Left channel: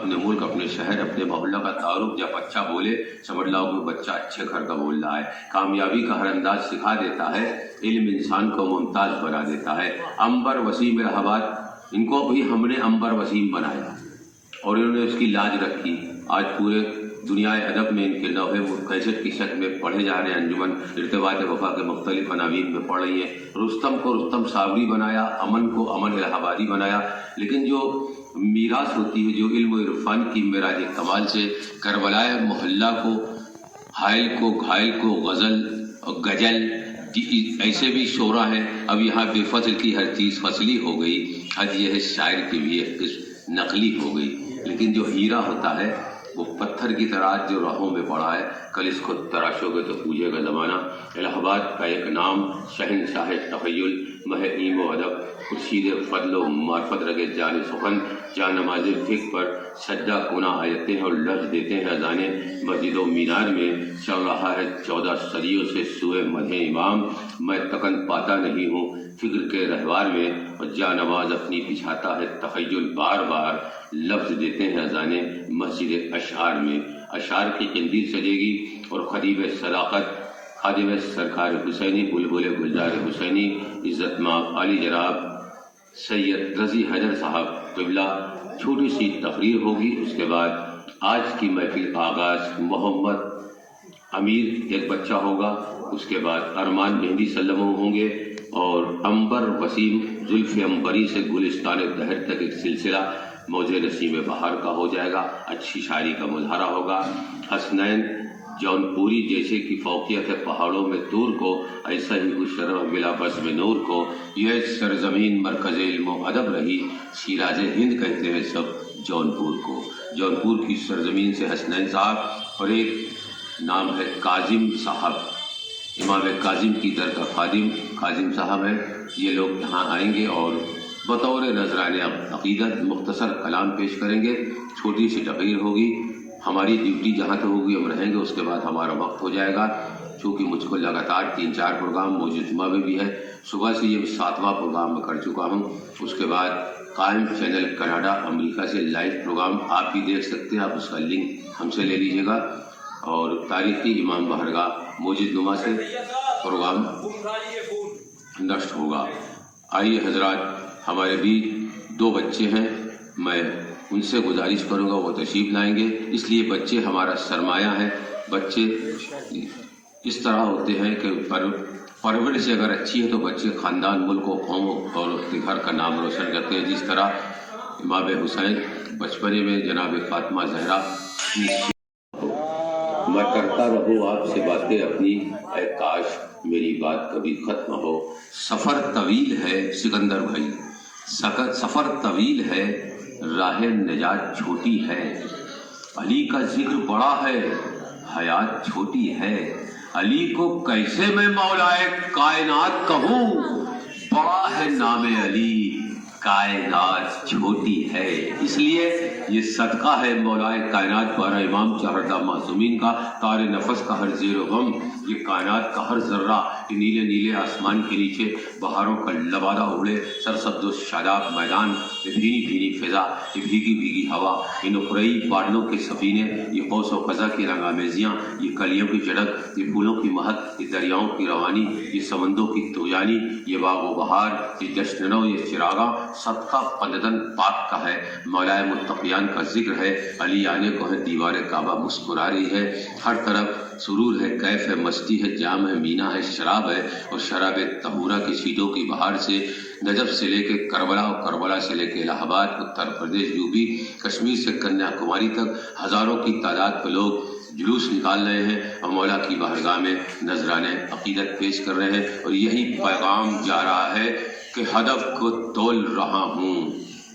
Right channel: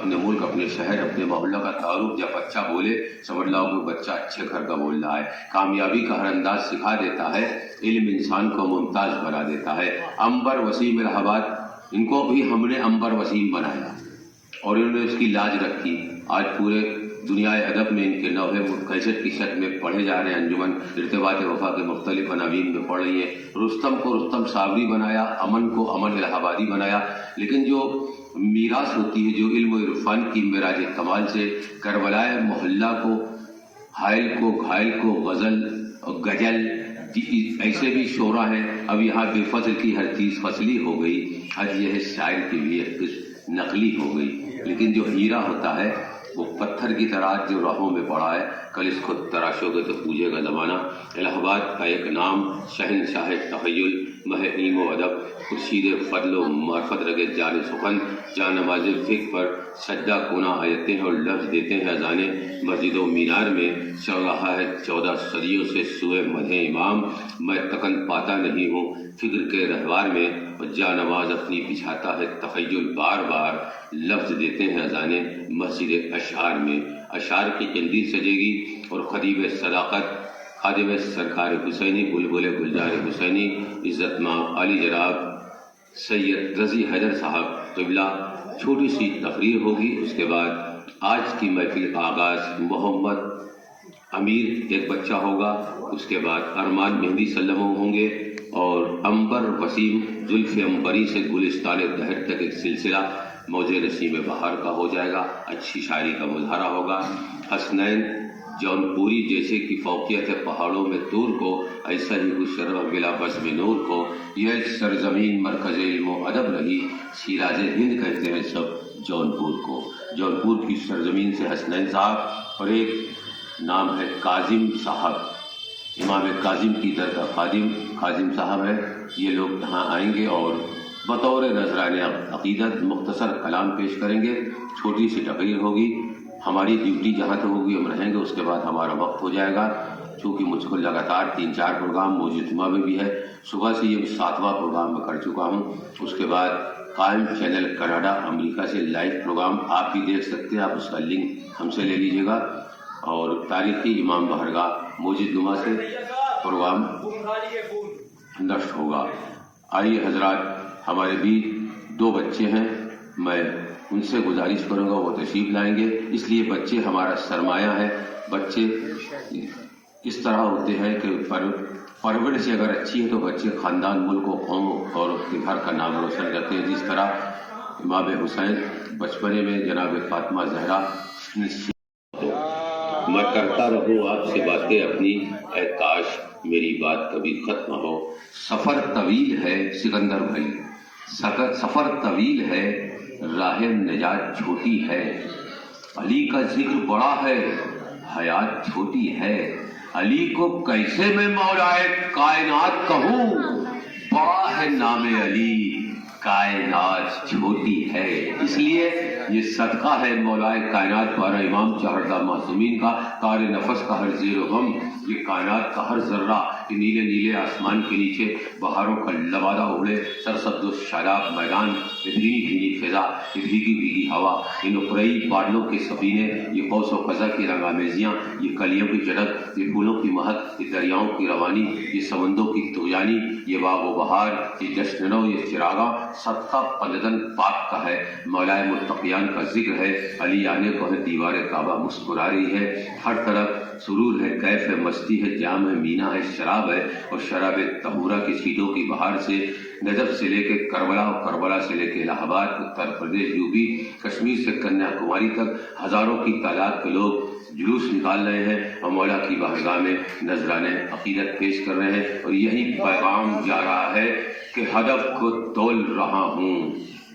اپنے ملک، اپنے شہر، اپنے محلہ کا تعارف جب بچہ بولے سمجھ لاؤ کہ بچہ اچھے گھر کا بول رہا ہے۔ کامیابی کا ہر انداز سکھا دیتا ہے، علم انسان کو ممتاز بنا دیتا ہے۔ عنبر وسیم الہ آباد، ان کو بھی ہم نے عنبر وسیم بنایا اور انہوں نے اس کی لاج رکھی۔ آج پورے دنیا ادب میں ان کے لوحے کیسٹ کی شکل میں پڑھے جا رہے ہیں۔ انجمن ارتباط وفا کے مختلف عناوین میں پڑھ رہی ہیں۔ رستم کو رستم صابری بنایا، امن کو امن الہ آبادی بنایا۔ لیکن جو میراث ہوتی ہے، جو علم و عرفان کی معراج کمال سے کربلائے محلہ کو، حائل کو، گھائل کو غزل اور غزل، ایسے بھی شعرا ہیں۔ اب یہاں بے فصل کی ہر چیز فصلی ہو گئی، حد یہ ہے شاعر کی بھی ایک قسم نقلی ہو گئی۔ لیکن جو ہیرا ہوتا ہے وہ پتھر کی طرح جو راہوں میں پڑا ہے، کل اس کو تراشو گے تو پوجے گا زمانہ۔ الہ آباد کا ایک نام، شہنشاہ تخیل، مہ علم و ادب، خورشید فضل و معرفت رگے جان سخن، جان نماز فکر پر سجدہ کونا آیتیں اور لفظ دیتے ہیں اذانے۔ مسجد و مینار میں چل رہا ہے 14 صدیوں سے سوئے مدح امام، میں تکن پاتا نہیں ہوں فکر کے رہوار میں، اور جا نماز اپنی بچھاتا ہے تخیل، بار بار لفظ دیتے ہیں اذانے۔ مسجد اشعار میں اشعار کی قندیل سجے گی اور خطیب صداقت، خادم سرکار حسینی، بلبل گلزار حسینی، عزت مآب عالی جناب سید رضی حیدر صاحب قبلہ، چھوٹی سی تقریر ہوگی۔ اس کے بعد آج کی محفل کا آغاز محمد امیر ایک بچہ ہوگا، اس کے بعد ارمان مہندی سلم ہوں گے، اور عنبر وسیم زلف عنبری سے گلستان دہر تک ایک سلسلہ موج نسیم بہار کا ہو جائے گا۔ اچھی شاعری کا مظاہرہ ہوگا۔ حسنین جون پوری جیسے کی فوقیت ہے پہاڑوں میں طور کو، ایسا ہی ہو شرف بلا بزم نور کو، یہ سرزمین مرکز علم و ادب رہی، شیراز ہند کہتے ہیں سب جونپور کو۔ جونپور کی سرزمین سے حسنین صاحب، اور ایک نام ہے کاظم صاحب، امام کاظم کی در کا خادم کاظم صاحب ہے۔ یہ لوگ یہاں آئیں گے اور بطور نذرانہ عقیدت مختصر کلام پیش کریں گے۔ چھوٹی سی تقریر ہوگی۔ ہماری ڈیوٹی جہاں تو ہوگی ہم رہیں گے، اس کے بعد ہمارا وقت ہو جائے گا، چونکہ مجھ کو لگاتار 3-4 پروگرام موجود جمعہ میں بھی ہے، صبح سے یہ 7واں پروگرام میں کر چکا ہوں۔ اس کے بعد قائم چینل کینیڈا امریکہ سے لائیو پروگرام آپ بھی دیکھ سکتے ہیں، آپ اس کا لنک ہم سے لے لیجیے گا۔ اور تاریخی امام بہرگاہ موجود جمعہ سے پروگرام نشر ہوگا۔ آئیے حضرات، ہمارے بھی 2 بچے ہیں، میں ان سے گزارش کروں گا وہ تشریف لائیں گے، اس لیے بچے ہمارا سرمایہ ہے۔ بچے اس طرح ہوتے ہیں کہ پرورش سے اگر اچھی ہے تو بچے خاندان، ملک و قوم اور اپنے گھر کا نام روشن کرتے ہیں۔ جس طرح امام حسین بچپنے میں جناب فاطمہ زہرا، میں کرتا رہوں آپ سے باتیں اپنی، اے کاش میری بات کبھی ختم ہو۔ سفر طویل ہے سکندر بھائی، سفر طویل ہے، راہ نجات چھوٹی ہے، علی کا ذکر بڑا ہے، حیات چھوٹی ہے، علی کو کیسے میں مولائے کائنات کہوں، بڑا ہے نام علی، کائنات چھوٹی ہے۔ اس لیے یہ صدقہ ہے مولائے کائنات پارا امام چہردہ معصومین کا، تار نفس کا ہر زیر و غم، یہ کائنات کا ہر ذرہ، یہ نیلے نیلے آسمان کے نیچے بہاروں کا لبادہ اڑے، سرسبز و شاداب میدان، یہ بھینی بھینی فضا، یہ بھیگی بھیگی ہوا، یہ نقرئی بادلوں کے سفینے، یہ قوس و قزح کی رنگ آمیزیاں، یہ کلیوں کی چڑک، یہ پھولوں کی مہک، یہ دریاؤں کی روانی، یہ سمندوں کی طغیانی، یہ باغ و بہار، یہ جشنوں، یہ چراغاں، سب کا پنددن پاک کا ہے، مولائے متقیان کا ذکر ہے، علی آنے کو ہے، دیوار کعبہ مسکرا رہی ہے، ہر طرف سرور ہے، کیف ہے، مستی ہے، جام ہے، مینا ہے، شراب ہے، اور شراب طہورہ کی سیٹوں کی بہار سے نجف سے لے کے کربلا، اور کربلا سے لے کے الہ آباد، اتر پردیش، یوپی، کشمیر سے کنیا کماری تک ہزاروں کی تعداد پہ لوگ جلوس نکال رہے ہیں اور مولا کی بارگاہ میں نذرانہ عقیدت پیش کر رہے ہیں، اور یہی پیغام جا رہا ہے کہ ہدف کو تول رہا ہوں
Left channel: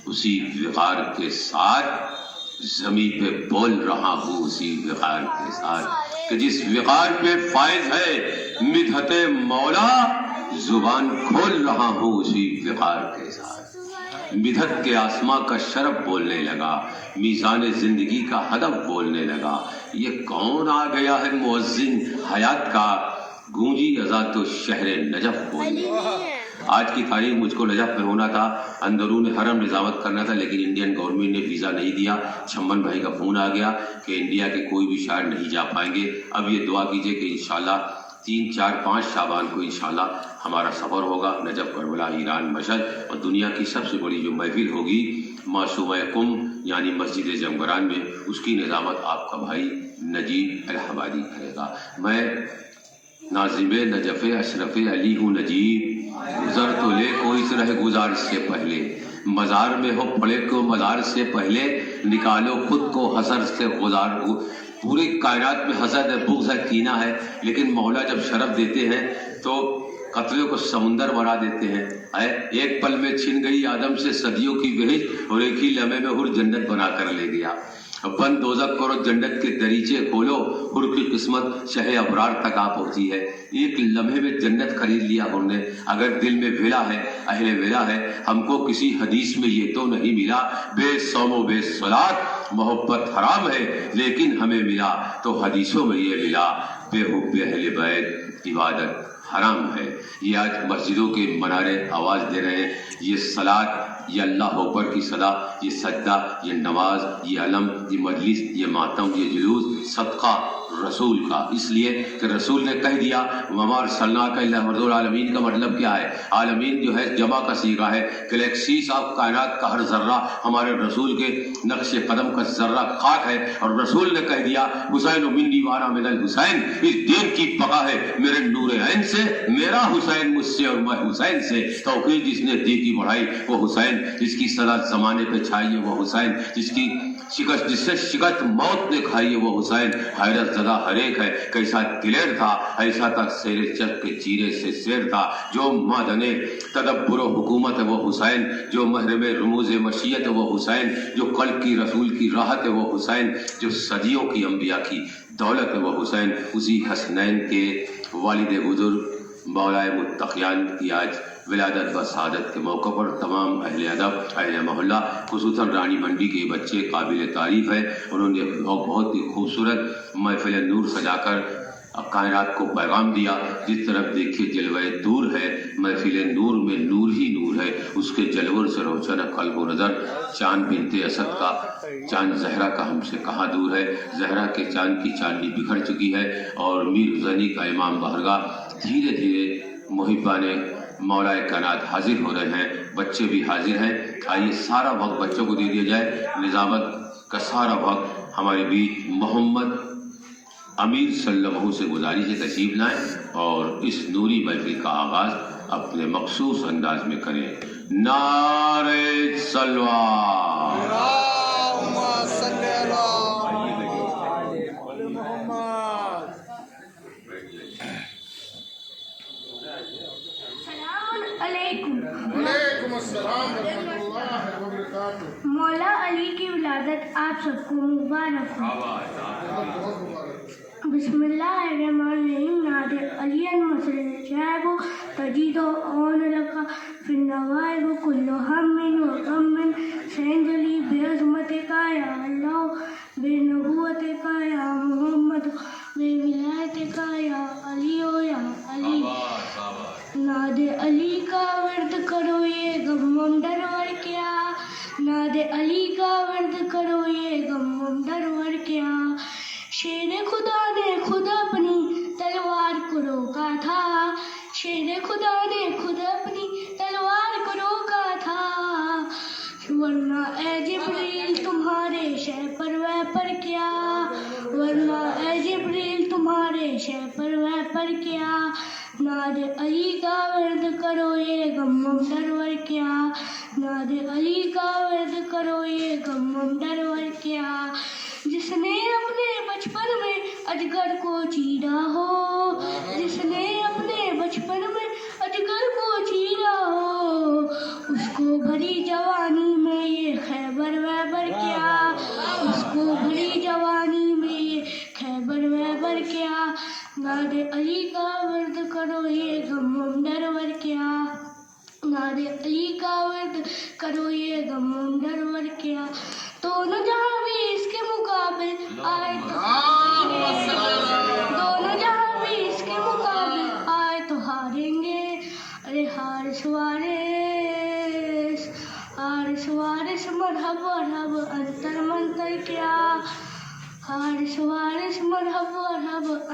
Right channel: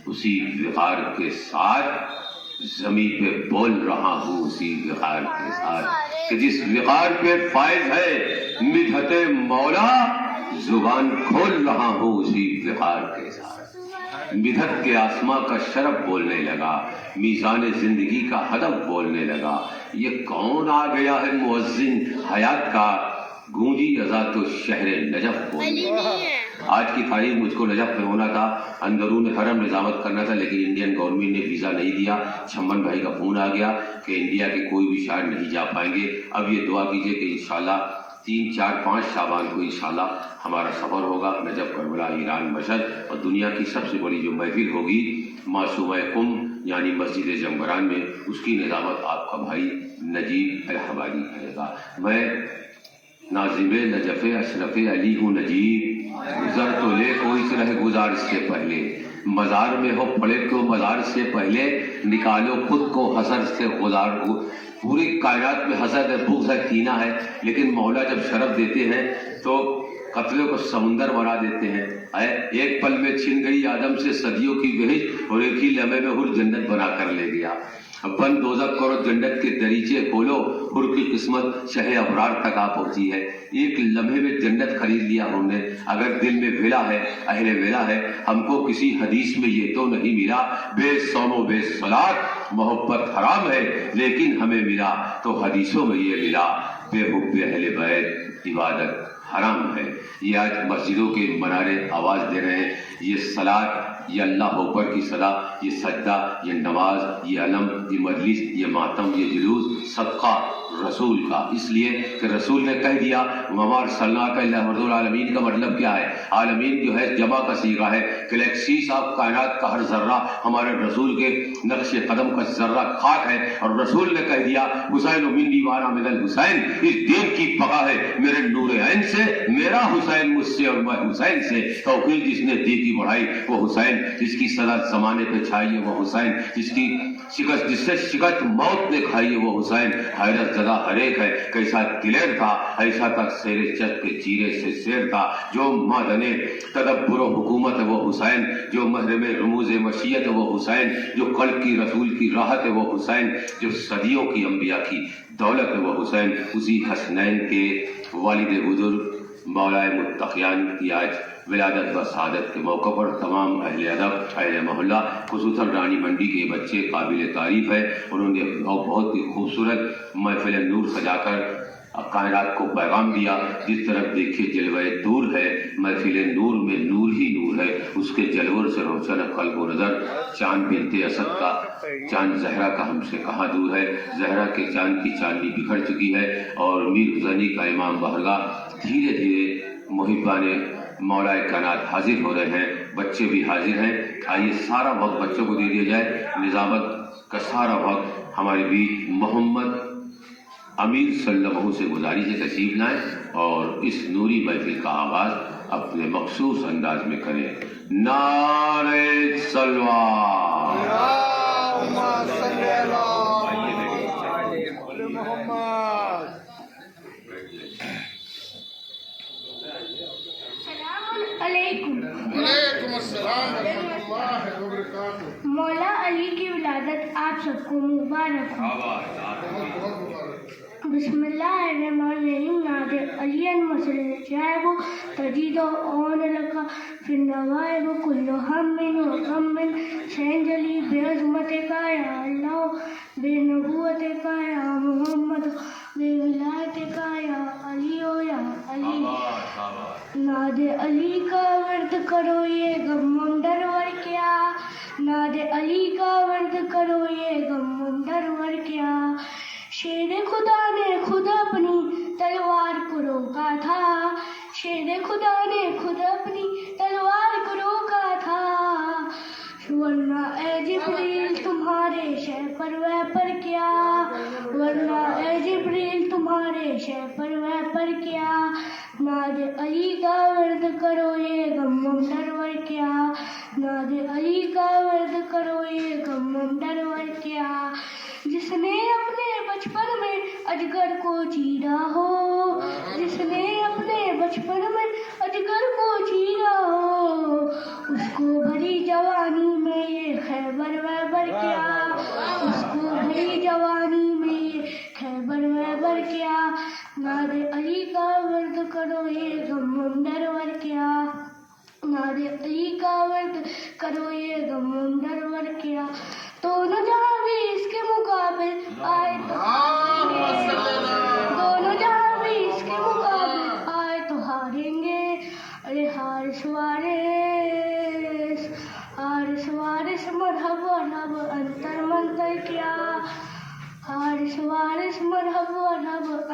اسی وقار کے ساتھ، زمیں پہ بول رہا ہوں اسی وقار کے ساتھ، کہ جس وقار پہ فائز ہے مدحت مولا، زبان کھول رہا ہوں اسی وقار کے ساتھ۔ مدحت کے آسماں کا شرف بولنے لگا، میزان زندگی کا ہدف بولنے لگا، یہ کون آ گیا ہے مؤذن حیات کا، گونجی اذان تو شہر نجف بولنے لگا۔ آج کی تاریخ مجھ کو نجف میں ہونا تھا، اندرون حرم نظامت کرنا تھا، لیکن انڈین گورنمنٹ نے ویزا نہیں دیا۔ چھمن بھائی کا فون آ گیا کہ انڈیا کے کوئی بھی شاعر نہیں جا پائیں گے۔ اب یہ دعا کیجئے کہ انشاءاللہ 3، 4، 5 شعبان کو انشاءاللہ ہمارا سفر ہوگا نجف، کربلا، ایران، مشہد، اور دنیا کی سب سے بڑی جو محفل ہوگی معصومہ قم یعنی مسجد زمگران میں، اس کی نظامت آپ کا بھائی نجیب الہبادی کرے گا۔ میں ناظم نجف اشرف علی ہوں نجیب، گزر تو لے کوئی اس رہ گزار سے پہلے، مزار میں ہو پڑے کو مزار سے پہلے، نکالو خود کو حسر سے گزار۔ پوری کائنات میں حسد ہے، بغض ہے، کینہ ہے، لیکن مولا جب شرف دیتے ہیں تو قتلوں کو سمندر بنا دیتے ہیں۔ ایک پل میں چھن گئی آدم سے صدیوں کی بہشت، اور ایک ہی لمحے میں حر جنت بنا کر لے گیا۔ اب بند دوزخ کرو جنت کے دریچے کھولو، حر کی قسمت شہ ابرار تک آ پہنچی ہے۔ ایک لمحے میں جنت خرید لیا ہم نے۔ اگر دل میں ولا ہے، اہل ولا ہے، ہم کو کسی حدیث میں یہ تو نہیں ملا، بے صوم و بے صلاۃ محبت حرام ہے، لیکن ہمیں ملا تو حدیثوں میں یہ ملا، بے حب اہل بیت عبادت حرام ہے۔ یہ آج مسجدوں کے منارے آواز دے رہے ہیں، یہ صلاۃ، یہ اللہ اکبر کی صدا، یہ سجدہ، یہ نماز، یہ علم، یہ مجلس، یہ ماتم، یہ جلوس صدقہ رسول کا، اس لیے کہ رسول نے کہہ دیا وما ارسلناک الا رحمۃ للعالمین کا مطلب کیا ہے؟ عالمین جو ہے جمع کا صیغہ ہے، گلیکسیز آف کائنات کا ہر ذرہ ہمارے رسول کے نقش قدم کا ذرہ خاک ہے، اور رسول نے کہہ دیا حسین منی وانا من الحسین، اس دین کی بقا ہے میرے نور عین سے، میرا حسین مجھ سے اور میں حسین سے۔ توحید جس نے دی کی بڑھائی وہ حسین، جس کی صدا زمانے پہ چھائی ہے وہ حسین، جس سے شکست موت نے کھائی ہے وہ حسین۔ حیرت زدہ ہر ایک ہے، کیسا دلیر تھا، ایسا تک سیر چت کے چیرے سے سیر تھا، جو مادنے تدبر و حکومت ہے وہ حسین، جو محرم رموز مشیت ہے وہ حسین، جو قلب کی رسول کی راحت ہے وہ حسین، جو صدیوں کی انبیاء کی دولت ہے وہ حسین۔ اسی حسنین کے والد بزرگ مولائے متقیان کی آج ولادت و سعادت کے موقع پر تمام اہل ادب، اہل محلہ، خصوصاً رانی منڈی کے بچے قابل تعریف ہے، انہوں نے بہت ہی خوبصورت محفل نور سجا کر کائنات کو پیغام دیا۔ جس طرف دیکھیے جلوہ دور ہے، محفل نور میں نور ہی نور ہے، اس کے جلور سے روشن قلب و نظر۔ چاند بنت اسد کا چاند زہرا کا ہم سے کہاں دور ہے، زہرا کے چاند کی چاندنی بکھر چکی ہے، اور میر حسینی کا امام بہرگاہ دھیرے دھیرے محبان مولائے کائنات حاضر ہو رہے ہیں، بچے بھی حاضر ہیں۔ آئیے سارا وقت بچوں کو دے دیا جائے، نظامت کا سارا وقت ہمارے بیچ محمد امیر صلی اللہ علیہ وسلم سے گزارش ہے تشریف لائیں اور اس نوری محفل کا آغاز اپنے مخصوص انداز میں کریں۔ نعرہ صلوات۔ وعلیکم السلام ورحمۃ اللہ وبرکاتہ۔ مولا علی کی ولادت آپ سب کو مبارک ہو۔ بسم اللہ الرحمن الرحیم۔ نادر علی المسلم شعب تجید اون لکا فی النوائب کل ہم و غم، سینجلی بے عظمت کا یا اللہ، بے نبوت کا یا محمد، بے ولایت کا یا علی و یا علی۔ ناد علی کا ورد کرو یہ غم ڈرور کیا، ناد علی کا ورد کرو یہ غم ڈرور کیا۔ شیر خدا نے خود اپنی تلوار کو روکا تھا، شیر خدا نے خود اپنی تلوار کو روکا تھا، ورنہ اے جبریل تمہارے شہ پر وہ پر کیا، ورنہ اے جبریل تمہارے شہ پر وہ پر کیا۔ ناد علی کا ورد کرو یہ غم ڈرور کیا، ناد علی کا ورد کرو یہ غم ڈرور کیا۔ جس نے اپنے بچپن میں اجگر کو چیرا ہو، جس نے اپنے بچپن میں اجگر کو چیرا ہو، اس کو بھری جوانی میں یہ خیبر ویبر کیا، اس کو بھری جوانی میں یہ خیبر ویبر کیا۔ ناد علی کا ورد کرو یہ غم ڈرور کیا، ناد علی کا ورد کرو یہ غم ڈرور کیا۔ تو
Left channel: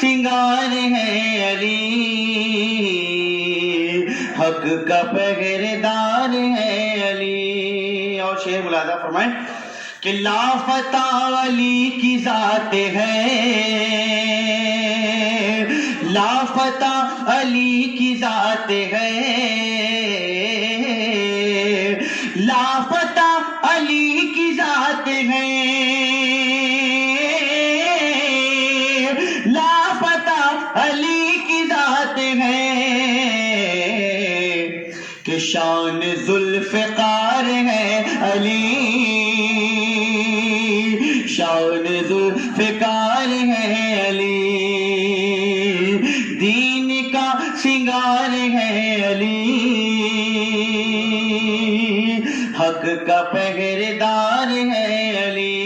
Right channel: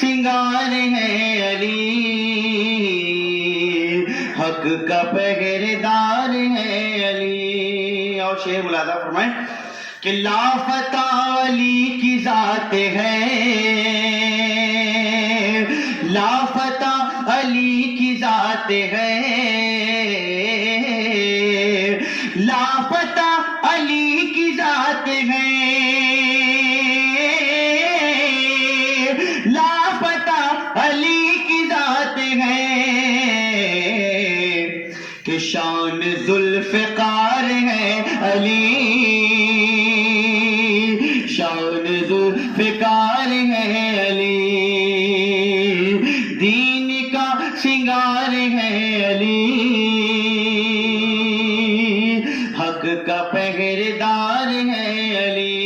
سنگار ہے علی، حق کا پہرےدار ہے علی. اور شعر ملاحظہ فرمائیں کہ لافتہ علی کی ذات ہے، لافتہ علی کی ذات ہے، لافتہ علی کی ذات ہے، لافتہ علی کی ذات ہے، کہ شان ذوالفقار ہے علی، شان ذوالفقار ہے علی، دین کا سنگار ہے علی، حق کا پہرےدار ہے علی،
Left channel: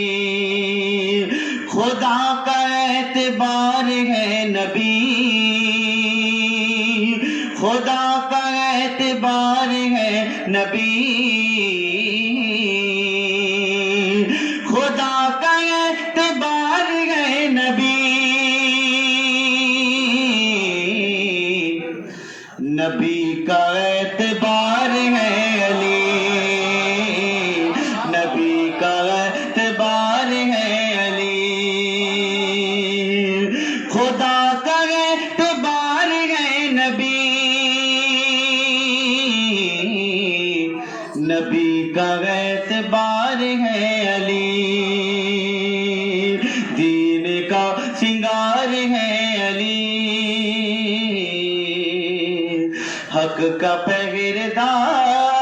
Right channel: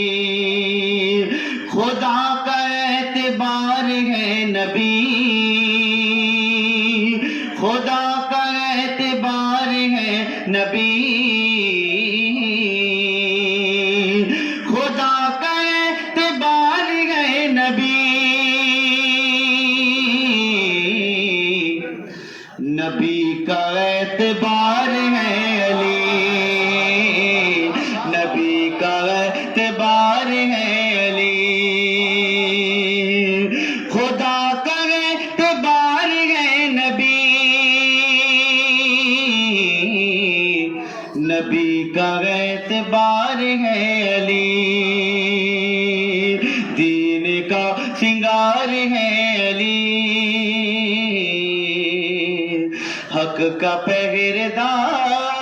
خدا کا اعتبار ہے نبی، خدا کا اعتبار ہے نبی، خدا کا اعتبار ہے نبی، نبی کا اعتبار ہے علی، نبی کا اعتبار ہے علی، خدا کا اعتبار ہے نبی، نبی کا اعتبار ہے علی، دین کا سنگار ہے علی، حق کا پہرےدار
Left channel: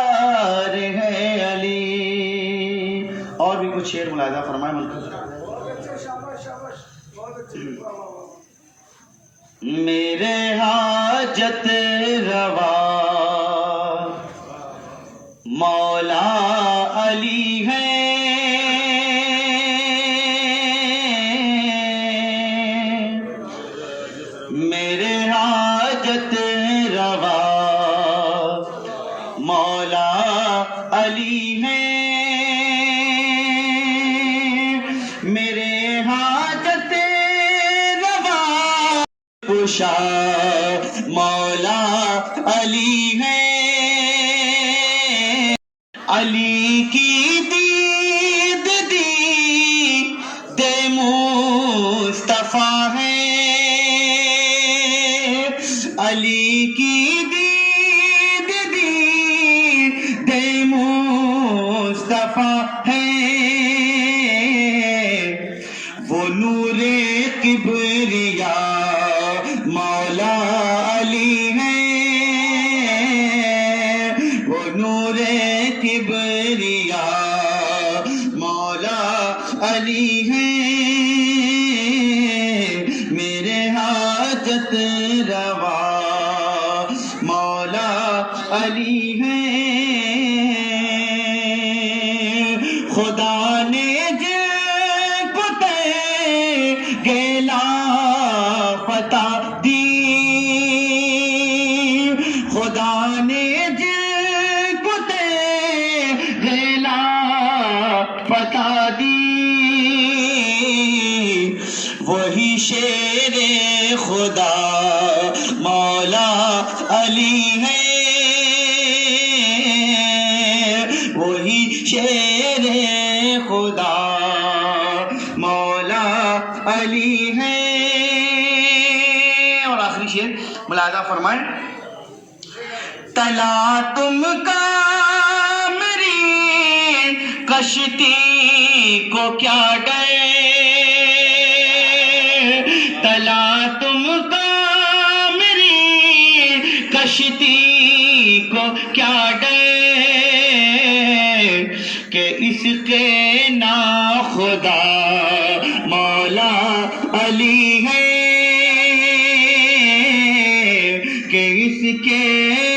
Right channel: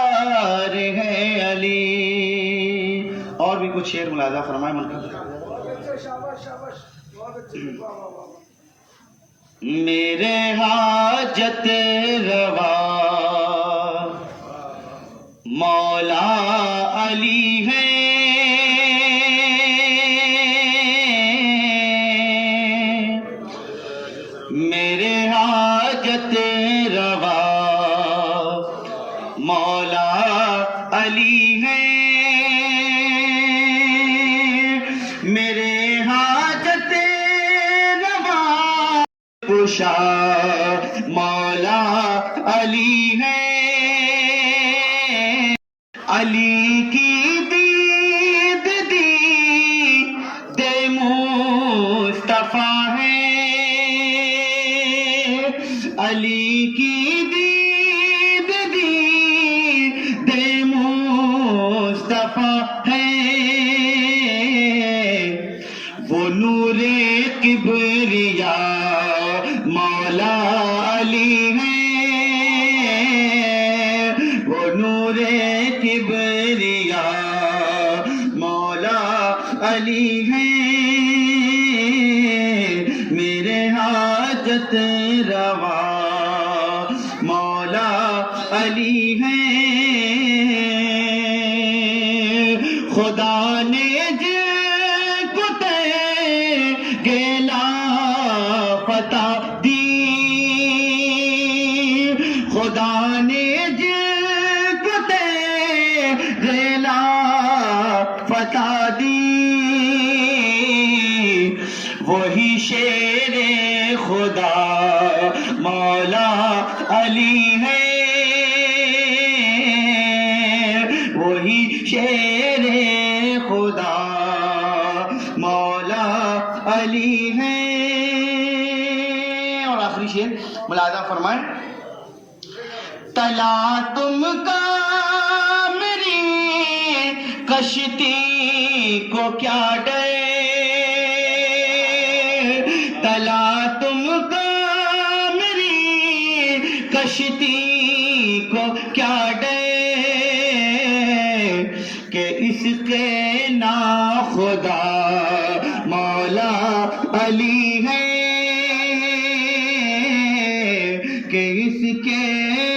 ہے علی. اور بھی کچھ شعر ملاحظہ فرمائیں ملک. میرے حاجت روا مولا علی ہے، میرے حاجت روا مولا علی ہے، میرے حاجت روا پوشا مولا علی ہے، علی کی دید دید مصطفیٰ ہے، علی کی دید دید مصطفیٰ ہے، وہ نور کبریا مولا علی ہے، وہ نور کبریا مولا علی ہے، میرے حاجت روا مولا علی ہے، خدا نے جن کو گیلا فتح دی، خدا نے جن کو گیلا فتح دی، وہی شیر خدا مولا علی ہے، وہی شیر خدا مولا علی ہے. اور آخری شعر ملاحظہ فرمائیں. تلا تم کا میری کشتی کو کیا ڈر، تلا تم کا میری کشتی کو کیا ڈر، کہ اس کے نا خدا مولا علی ہے، کہ اس کے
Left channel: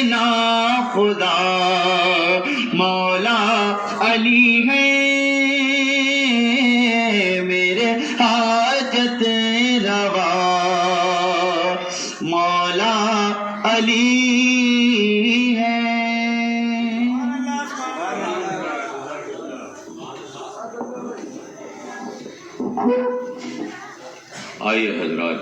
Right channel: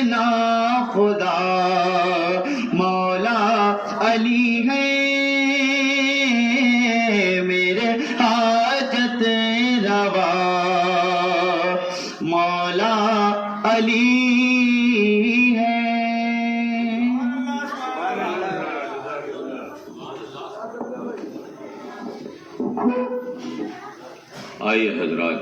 نا خدا مولا علی ہے، میرے حاجت روا مولا علی ہے. آئیے حضرات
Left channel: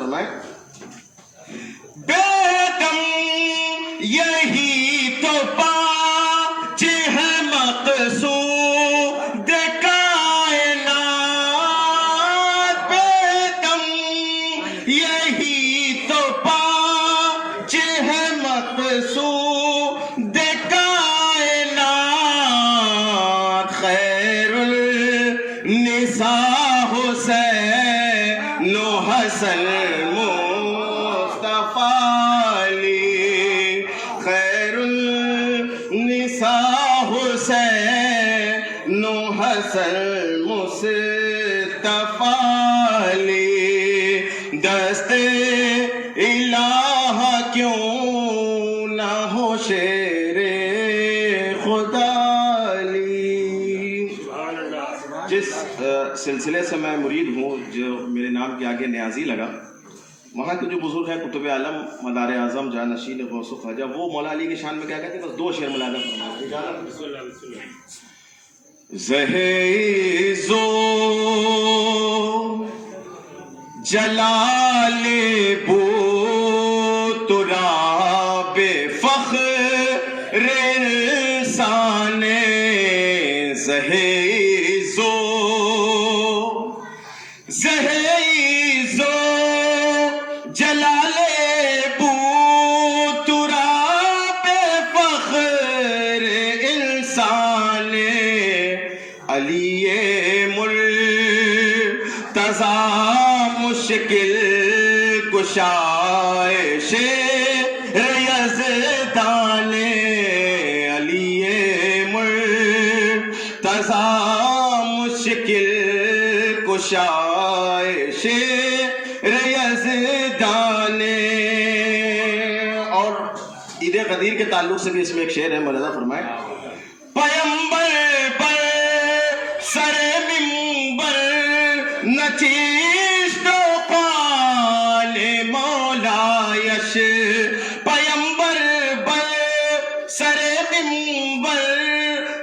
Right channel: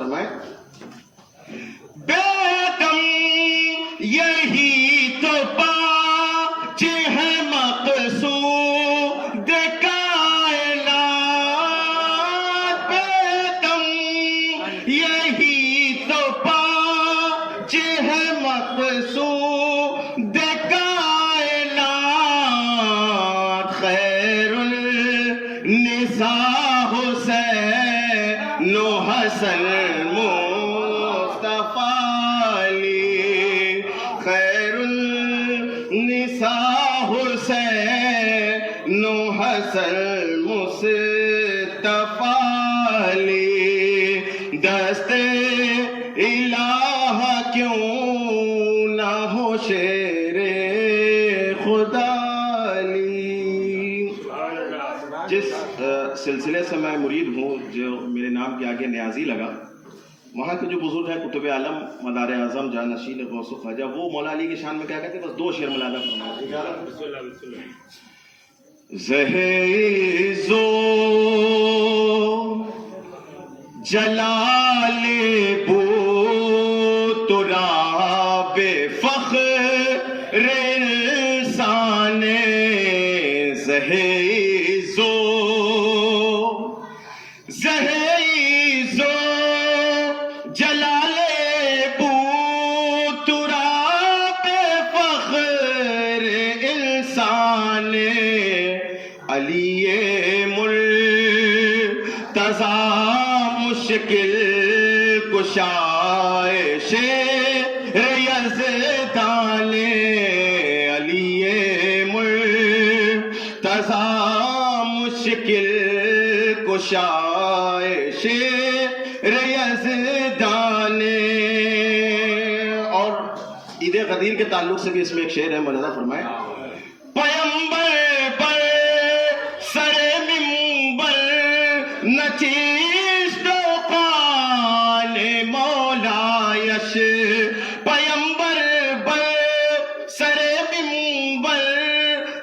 فرمائے بیدم یہی تو پاچ ہے مقصود کائنات بیدم یہی تو پاچ ہے مقصود کائنات خیر النساء حسین و حسن خیر النساء حسین و حسن مصطفیٰ علی دست الہ کیوں نہ ہو شیر خدا علی. جس سلسلے سے میں مرید ہوں، جو میرے نام کے آگے نیازی لگا، وہاں کے جو بزرگ ہیں قطب عالم مدار اعظم جانشین غوث و خواجہ، وہ مولا علی کی شان میں کیا کہتے ہیں؟ بس 2 شعر ملاحظہ فرمائیں. زہیزو جلال بو تراب فخر انسان زہیزو جلال بو تراب فخر انسان علی مرتضی مشکل کشائش یزدان علی مرتضی مشکل کشائش یزدان. اور عید قدیر کے تعلق سے بھی اس میں ایک شعر ہے، ملاحظہ فرمائیں. پیمبر پر سر منبر نچیشت و قال مولا یش پیمبر پر سر منبر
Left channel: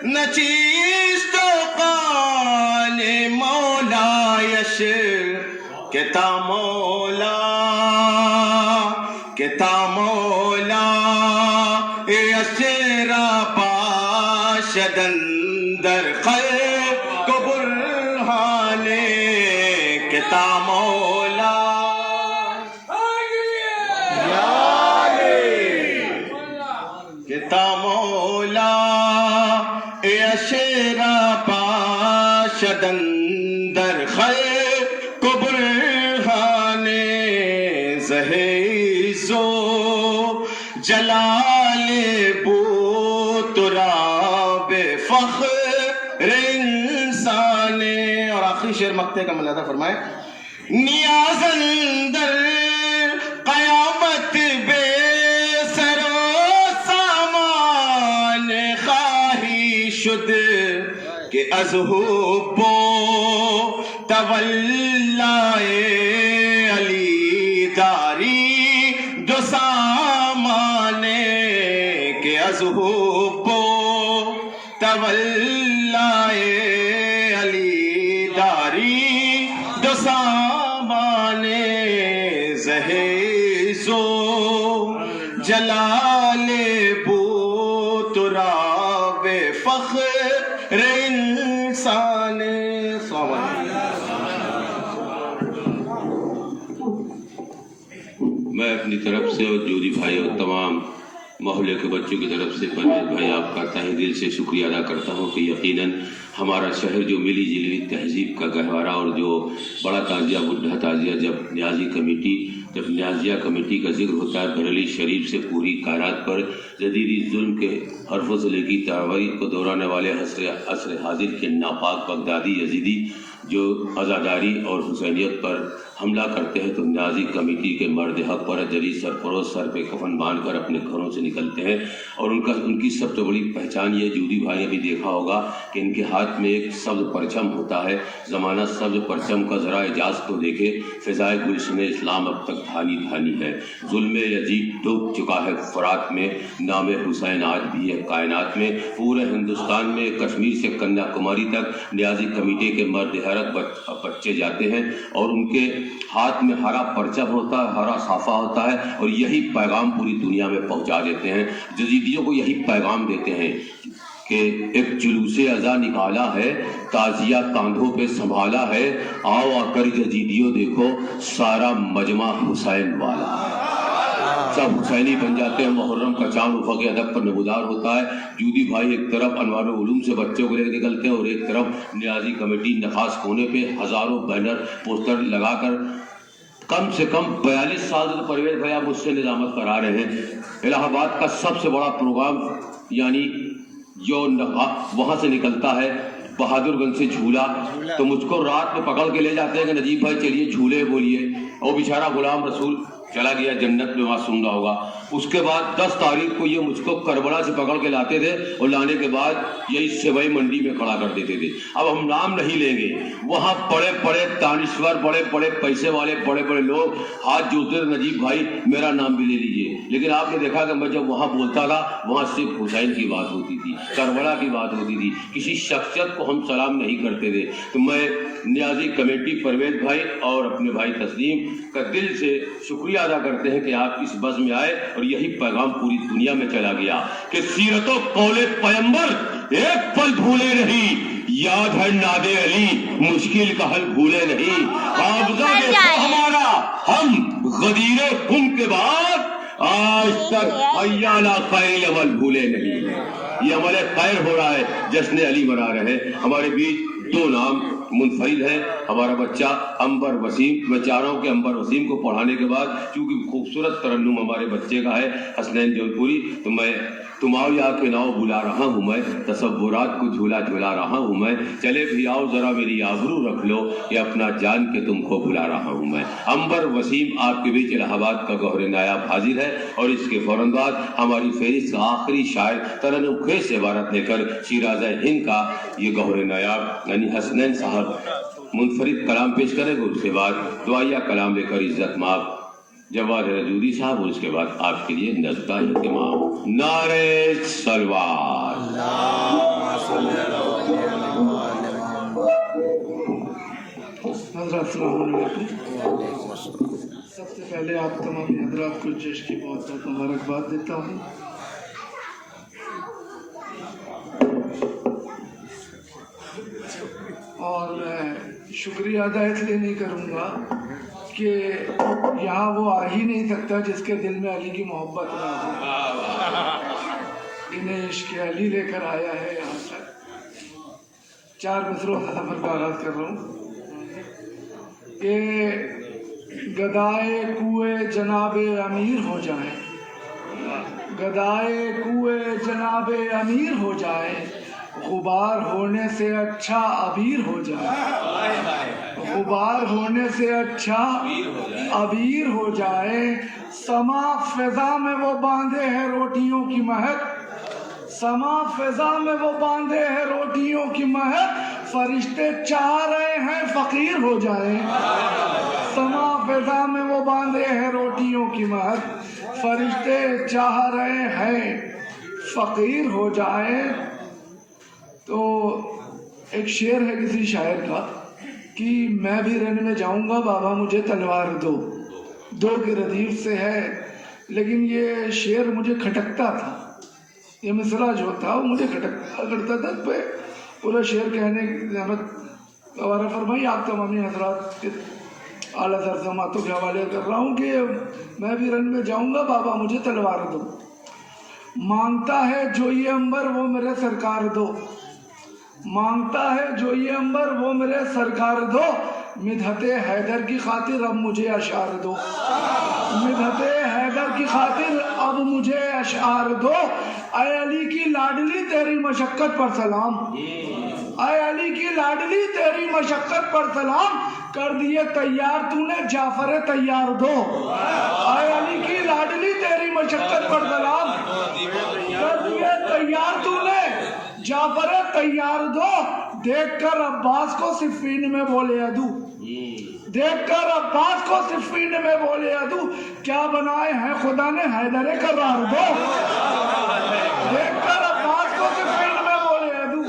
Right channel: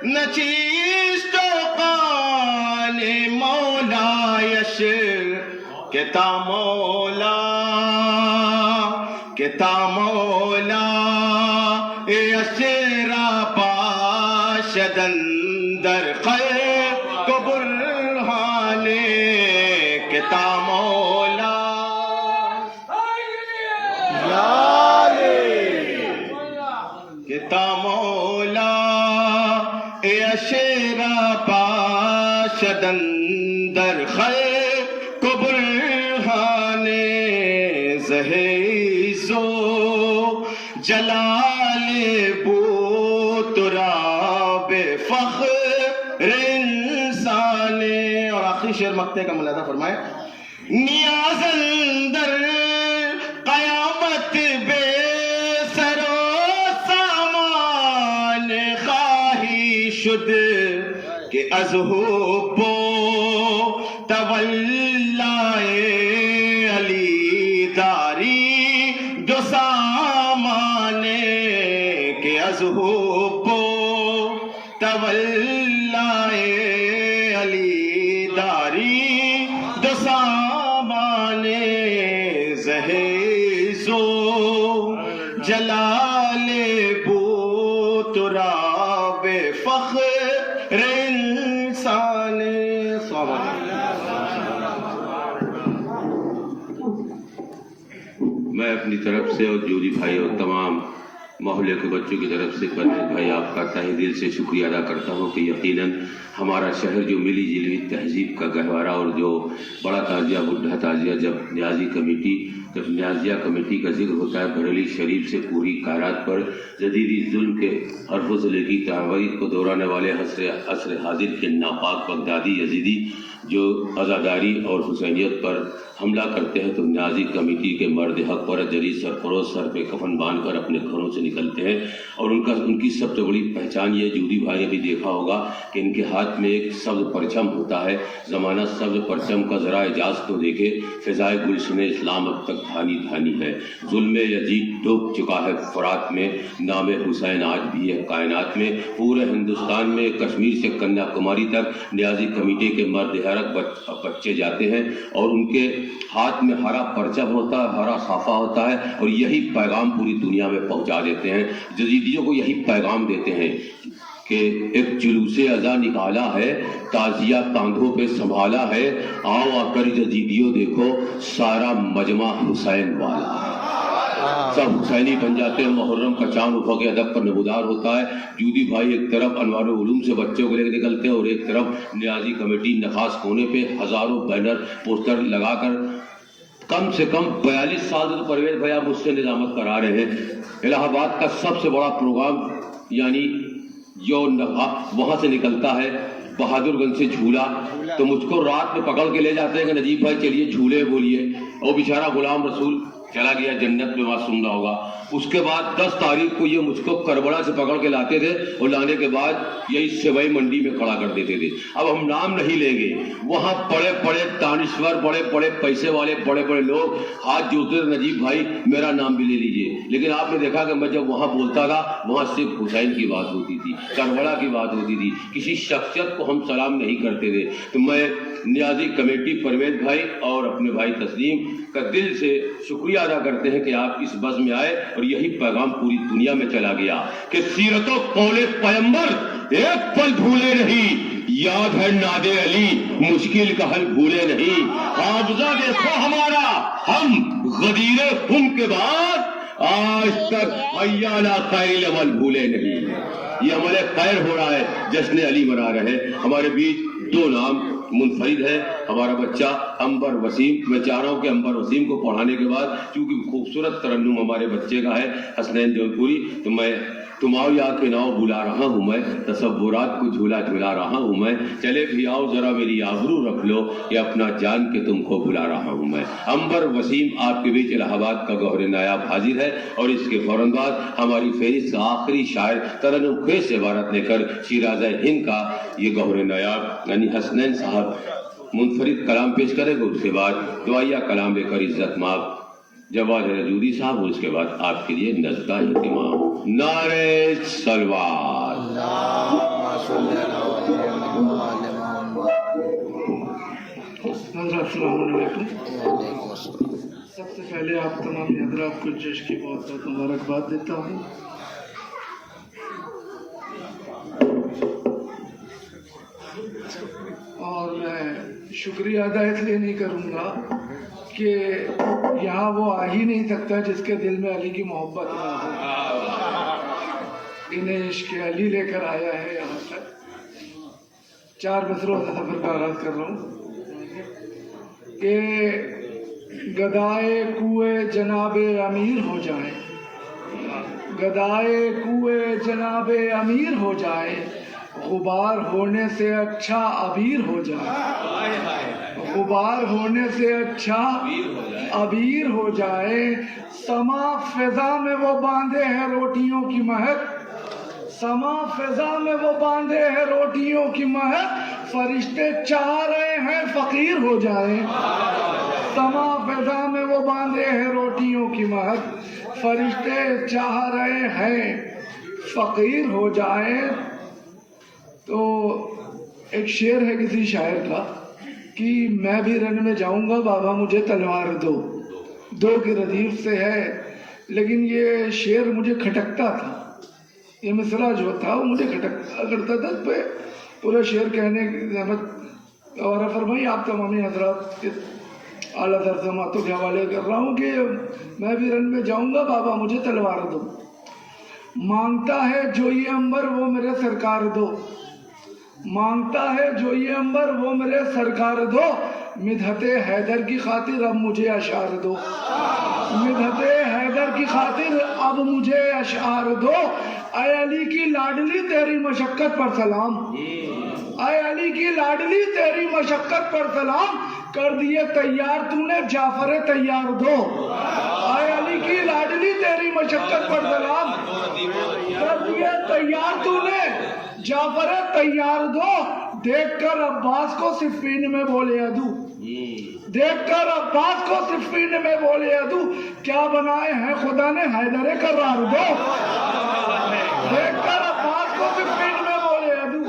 نچیشت و قال مولا یش کتا مولا اشرا پاشدن در خلق برہان کتا مولا کتا مولا اشرا پاشدن در خلق برہان زہیزو جلال بو تراب فخر انسان. اور آخری شعر مقطع کا ملاحظہ فرمائیں. نیاز اندر قیامت بے سر و سامان خواہی شد کہ از حب و تولائے علی داری دو سامان کہ از حب و تولائے علی داری دو سامان زہیزو جلال بو تراب فخر انسان. السلام علیکم. میں اپنی طرف سے اور جودی بھائی اور تمام محلے کے بچوں کی طرف سے پرویز بھائی آپ کا تہہ دل سے شکریہ ادا کرتا ہوں کہ یقیناً ہمارا شہر جو ملی جلی تہذیب کا گہوارہ اور جو بڑا تعزیہ بڈھا تعزیہ جب نیازیہ کمیٹی کا ذکر ہوتا ہے بریلی شریف سے پوری کائنات پر جدیدی ظلم کے حرف و ضلعی تعویض کو دورانے والے عصر حاضر کے ناپاک بغدادی یزیدی جو عزاداری اور حسینیت پر حملہ کرتے ہیں تو نیازی کمیٹی کے مرد حق پر جری سرفروش سر پہ کفن باندھ کر اپنے گھروں سے نکلتے ہیں. اور ان کی سب سے بڑی پہچان یہ جودی بھائی نے بھی دیکھا ہوگا کہ ان کے ہاتھ میں ایک سبز پرچم ہوتا ہے. زمانہ سبز پرچم کا ذرا اعجاز تو دیکھے، فضائے گلشن اسلام اب تک دھانی دھانی ہے. ظلم یزید ڈوب چکا ہے فرات میں، نام حسین آج بھی ہے کائنات میں. پورے ہندوستان میں کشمیر سے کنیا کماری تک نیازی کمیٹی کے مرد حیرت مبارک بچے جاتے ہیں اور ان کے ہاتھ میں ہرا پرچم ہوتا ہے، ہرا صافہ ہوتا ہے، اور یہی پیغام پوری دنیا میں پہنچا دیتے ہیں، جزیدیوں کو یہی پیغام دیتے ہیں کہ ایک جلوس ازا نکالا ہے، تعزیہ کاندھوں پہ سنبھالا ہے، آؤ آ کر جزیدیوں دیکھو سارا مجمع حسین والا ہے، سب حسینی بن جاتے ہیں۔ محرم کا چاند افق ادب پر نمودار ہوتا ہے، جودی بھائی ایک طرف انوار العلوم سے بچوں کو لے کے نکلتے ہیں اور ایک طرف نیازی کمیٹی نخاس کونے پہ ہزاروں بینر پوسٹر لگا کر کم سے کم 42 سال سے پرویز بھائی آپ مجھ سے نظامت کرا رہے ہیں، الہ آباد کا سب سے بڑا پروگرام یعنی جو وہاں سے نکلتا ہے بہادر گنج سے جھولا، تو مجھ کو رات میں پکڑ کے لے جاتے ہیں کہ نجیب بھائی چلیے جھولے بولیے، اور بیچارہ غلام رسول چلا گیا جنت میں، وہاں سنگا ہوگا۔ اس کے بعد 10 تاریخ کو یہ مجھ کو کربلا سے پکڑ کے لاتے تھے اور لانے کے بعد یہی سیوئی منڈی میں کھڑا کر دیتے تھے۔ اب ہم نام نہیں لیں گے، وہاں بڑے بڑے دانشور، بڑے بڑے پیسے والے، بڑے بڑے لوگ ہاتھ جوڑتے تھے، نجیب بھائی میرا نام بھی لے لیجیے، لیکن آپ نے دیکھا کہ میں جب وہاں بولتا تھا وہاں صرف حسین کی بات ہوتی تھی، کربلا کی بات ہوتی تھی، کسی شخصیت کو ہم سلام نہیں کرتے تھے۔ تو میں نیازی کمیٹی پرویز بھائی اور اپنے بھائی تسلیم کا دل سے شکریہ ادا کرتے ہیں کہ آپ اس بز میں آئے اور یہی پیغام پوری دنیا میں چلا گیا کہ سیرت و قول پیغمبر ایک پل بھولے نہیں، یاد ہے ناد علی مشکل کا حل بھولے نہیں، حافظہ دیکھو ہمارا ہم غدیر خم کے بعد آج تک ایانا خیر عمل بھولے نہیں۔ یہ عمل خیر ہو رہا ہے، جشن علی منا رہے ہیں۔ ہمارے بیچ 2 نام منفرد ہے، ہمارا بچہ انبر وسیم، میں چاہ رہا ہوں کہ انبر وسیم کو پڑھانے کے بعد، کیونکہ خوبصورت ترنم ہمارے بچے کا ہے حسنین جون پوری، تو میں تمہارا یاد پہ ناؤ بلا رہا ہوں، میں تصورات کو جھولا جھولا رہا ہوں، میں چلے بھی آؤ ذرا میری آبرو رکھ لو، یہ اپنا جان کے تم کو بلا رہا ہوں میں۔ انبر وسیم آپ کے بیچ الہ آباد کا گوہر نایاب حاضر ہے، اور اس کے فوراً بعد ہماری فہرست کا آخری شاعر ترنم خیز سے عبارت لے کر شیراز ہند کا یہ گوہر نایاب یعنی حسنین صاحب منفرد کلام پیش کریں گے، اس کے بعد دعائیہ کلام لے کر عزت مآب جواد رجوری صاحب، اور اس کے بعد آپ کے لیے نظدہ اہتمام۔ نعرہ صلوات۔ حضرات السلام علیکم۔ سب سے پہلے آپ تمام حضرات کو جشن کی بہت بہت مبارکباد دیتا ہوں۔ اور میں شکریہ ادا اس لیے نہیں کروں گا کہ یہاں وہ آ ہی نہیں سکتا جس کے دل میں علی کی محبت نہ ہو، انہیں عشق علی لے کر آیا ہے یہاں تک۔ 4 مصروں سے سفر کا آغاز کر رہا ہوں کہ گدائے کوئے جناب امیر ہو جائے، گدائے کوئے جناب امیر ہو جائے، غبار ہونے سے اچھا ابیر ہو جائے، غبار ہونے سے اچھا ابیر ہو جائے، سما فضا میں وہ باندھے ہیں روٹیوں کی مہک، سما فضا میں وہ باندھے ہیں روٹیوں کی مہک، فرشتے چاہ رہے ہیں فقیر ہو جائے، سما فضا میں وہ باندھے ہیں روٹیوں کی مہک، فرشتے چاہ رہے ہیں فقیر ہو جائے۔ تو ایک شعر ہے کسی شاعر کا کہ میں بھی رن میں جاؤں گا بابا مجھے تلوار دو، دو کے ردیف سے ہے، لیکن یہ شعر مجھے کھٹکتا تھا، یہ مصرع جو تھا وہ مجھے کھٹکتا کرتا تھا، پورا شعر کہنے کی زحمت گوارا فرمائی۔ آپ تمامی حضرات کے اعلیٰ تر سماعتوں کے حوالے کر رہا ہوں کہ میں بھی رن میں جاؤں گا بابا مجھے تلوار دو، مانگتا ہے جو یہ انبر وہ میرے سرکار دو، مانگتا ہے جو یہ انبر وہ میرے سرکار دو، مدحت حیدر کی خاطر اب مجھے اشعار دو، مدحت حیدر کی خاطر اب مجھے اشعار دو، اے علی کی لاڈلی تیری مشقت پر سلام، اے علی کی لاڈلی تیری مشقت پر سلام، کر دیے تیار تو نے جعفر تیار دو، اے علی کی لاڈلی تیری مشقت پر سلام، کر دیے تیار تو نے جعفر تیار دو، دیکھ کر عباس کو صفین میں بولے عدو، دیکھ کر عباس کو صفین میں بولے عدو، کیا بنائے ہیں خدا نے حیدر کرار دو، دیکھ کر عباس کو صفین میں بولے عدو،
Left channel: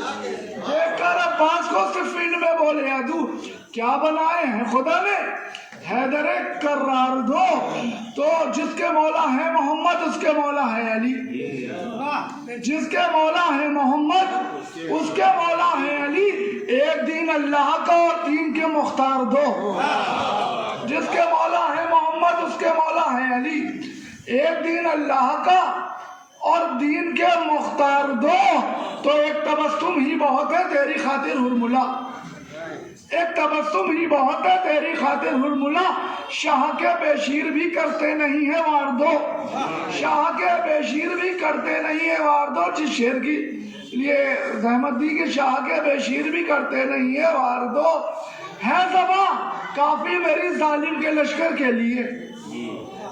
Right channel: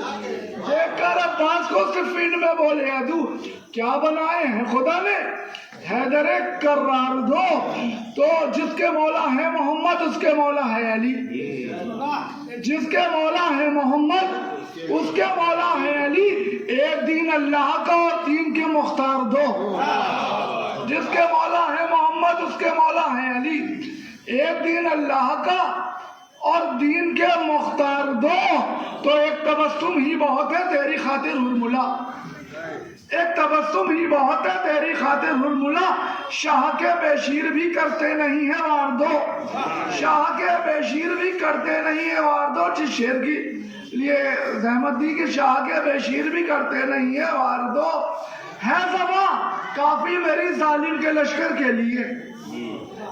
دیکھ کر عباس کو کو صفین میں بولے ادو کیا بنائے ہیں خدا نے حیدر کرار دو تو جس کے مولا ہے محمد اس کے مولا ہے علی جس کے مولا ہے محمد اس کے مولا ہے علی ایک دین اللہ کا اور دین کے مختار دو جس کے مولا ہے محمد اس کے مولا ہے علی ایک دین اللہ کا اور دین کے مختار دو تو ایک تبسم ہی بہت ہے تیری خاطر ہرملا ایک تبسم ہی بہت ہے تیری خاطر ہرملا شاہ کے بشیر بھی کرتے نہیں ہیں وار دو شاہ کے بشیر بھی کرتے نہیں ہیں وار دو جس شیر کی لیے زحمت دی کہ شاہ کے بشیر بھی کرتے نہیں ہیں وار دو ہے زباں کافی میری ظالم کے لشکر کے لیے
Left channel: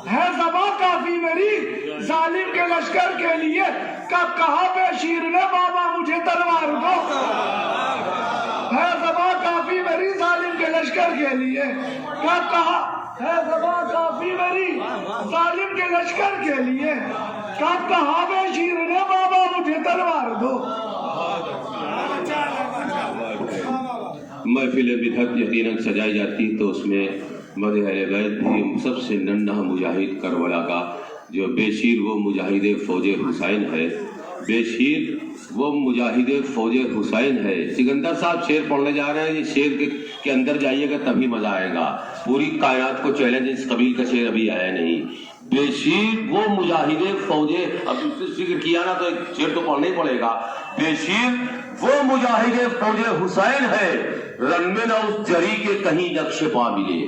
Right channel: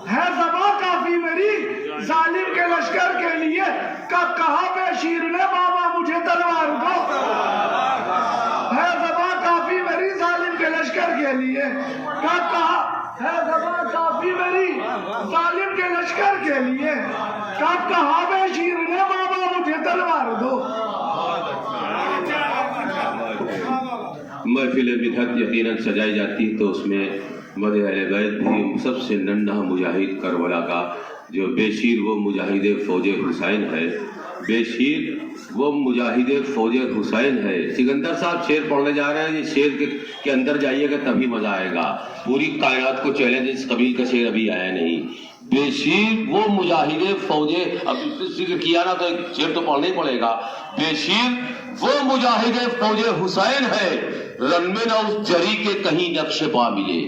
ہے زباں کافی میری ظالم کے لشکر کے لیے کہا بشیر نے بابا مجھے تلوار دو ہے زباں کافی میری ظالم کے لشکر کے لیے کہا ہے زباں کافی میری ظالم کے لشکر کے لیے کہا بشیر نے بابا مجھے تلوار دو محفل بدعت یقیناً سجائی جاتی ہے تو اس میں مدح اہل بیت بھی سب سے ننھا مجاہد کربلا کا جو بشیر وہ مجاہد فوج حسین ہے بشیر وہ مجاہد فوج حسین ہے سکندر صاحب شعر پڑھنے جا رہے ہیں یہ شعر کے اندر جائیے گا تبھی مزہ آئے گا پوری کائنات کو چیلنج اس قبیل کا شعر ابھی آیا نہیں بشیر وہ مجاہد فوج اب ذکر کیا نا تو شعر تو پڑھنا ہی پڑے گا بشیر وہ مجاہد فوج حسین ہے رن میں نہ اس جری کے کہیں نقش پا ملے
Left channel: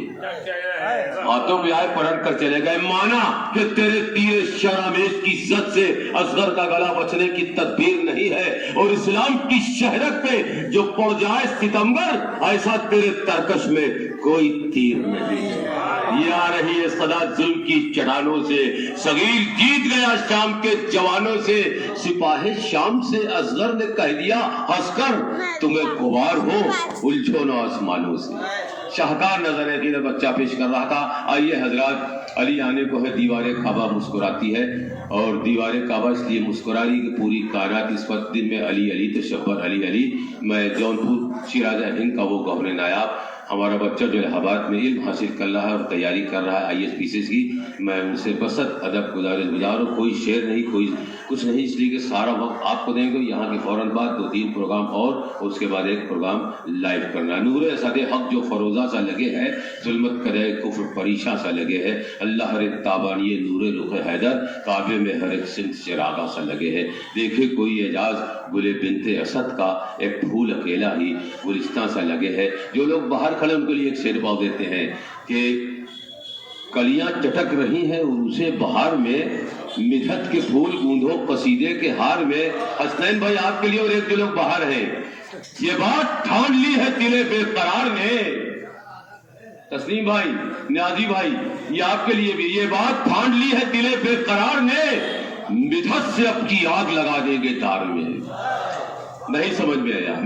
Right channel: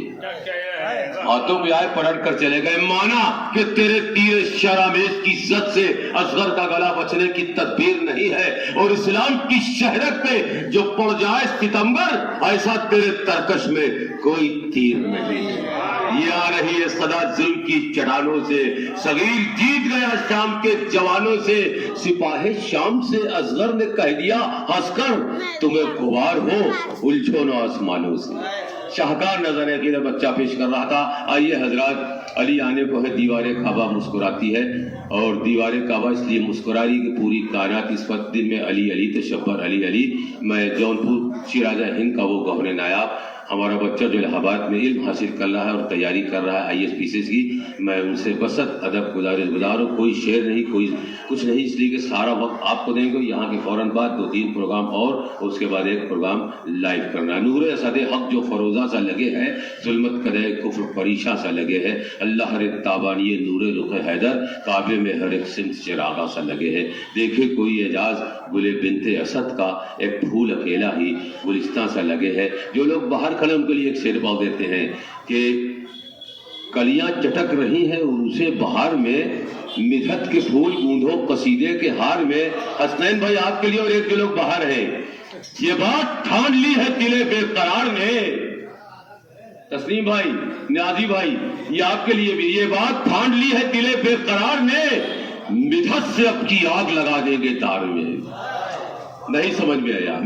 ہاتھوں میں آئے پلٹ کر چلے گئے مانا کہ تیرے تیر شرامیز کی عزت سے اصغر کا گلا بچنے کی تدبیر نہیں ہے اور اسلام کی شہرت پہ جو پڑ جائے ستمگر ایسا تیرے ترکش میں کوئی تیر نہیں یہ آ رہی ہے صدا ظلم کی چٹانوں سے صغیر جیت گیا شام کے جوانوں سے سپاہ شام سے اصغر نے کہہ دیا ہنس کر تمہیں غبار ہو الجھو نہ آسمانوں سے شاہکار نظر ہے کہ بچہ پیش کر رہا تھا آئیے حضرات علی آنے کو ہے دیوار کعبہ مسکراتی ہے اور دیوار کعبہ اس لیے مسکرا رہی کہ پوری کائنات اس وقت دن میں علی علی تشبر علی علی میں جونپور شیراز ہند کا وہ گورنر نایاب ہمارا بچہ جو الہٰباد میں علم حاصل کر رہا ہے اور تیاری کر رہا ہے ISPCs کی میں ان سے بسط ادب گزار ہوں کوئی شعر نہیں کوئی کچھ نہیں اس لیے کہ سارا وقت آپ کو دیں گے یہاں کے فوراً بعد 2-3 پروگرام اور اس کے بعد ایک پروگرام لائیو کرنا ہے نور اسد حق جو فروزہ سا لگے ہے ظلمت قدے کفر پریشاں سا لگے ہے اللہ ہر ایک تابانی نور رخ حیدر کعبے میں ہر ایک سمت چراغا سا لگے ہے دیکھے کوئی اعجاز گل بنت اسد کا ایک پھول اکیلا ہی گلستان سا لگے ہے جو لوگ باہر کھڑے ان کے لیے ایک شعر پاؤ دیتے ہیں کہ کلیاں چٹک رہی ہیں عروسے بہار میں مدحت کے پھول گوندھو قصیدے کے ہار میں حسنین بھائی آپ کے لیے اور ایک دو لوگ باہر ہیں یہ بات ٹھان لی ہے دل بے قرار میں تسلیم بھائی نیازی بھائی یہ آپ کے لیے بھی یہ بات ٹھان لی ہے دل بے قرار میں مدحت سے اب کی آگ لگا دیں گے تار میں نہیں سمجھ میں آیا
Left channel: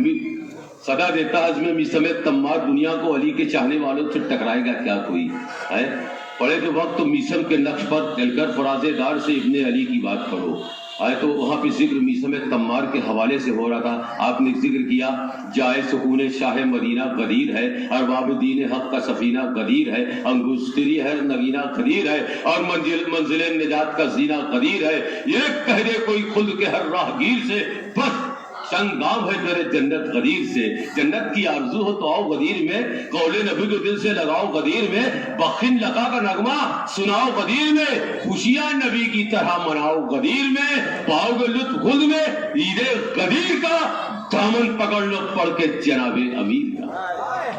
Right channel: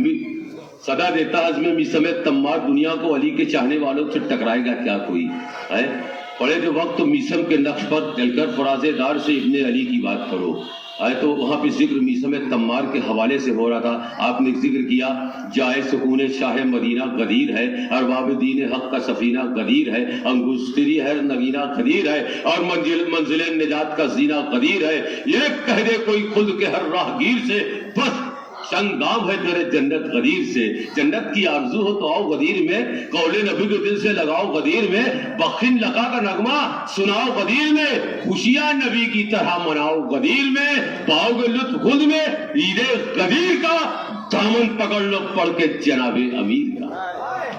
صدا دیتا عزم میثم تمار دنیا کو علی کے چاہنے والوں سے ٹکرائے گا کیا کوئی ہے پڑے کے وقت تو میثم کے نقش پر چل کر فراز دار سے ابن علی کی بات کرو آئے تو وہاں پہ ذکر میثم تمار کے حوالے سے ہو رہا تھا آپ نے ذکر کیا جائے سکون شاہ مدینہ غدیر ہے ارباب دین حق کا سفینہ غدیر ہے انگشتری ہے نگینہ غدیر ہے اور منزل نجات کا زینہ غدیر ہے یہ کہہ دے کوئی خود کے ہر راہگیر سے بس سنگام ہے تیرے جنت غدیر سے جنت کی آرزو ہو تو آؤ غدیر میں قول نبی کو دل سے لگاؤ غدیر میں بخشن لگا کا نغمہ سناؤ غدیر میں خوشیاں نبی کی طرح مناؤ غدیر میں پاؤ گے لطف خود میں عید غدیر کا دامن پکڑ لو پڑھ کے جناب امیر کا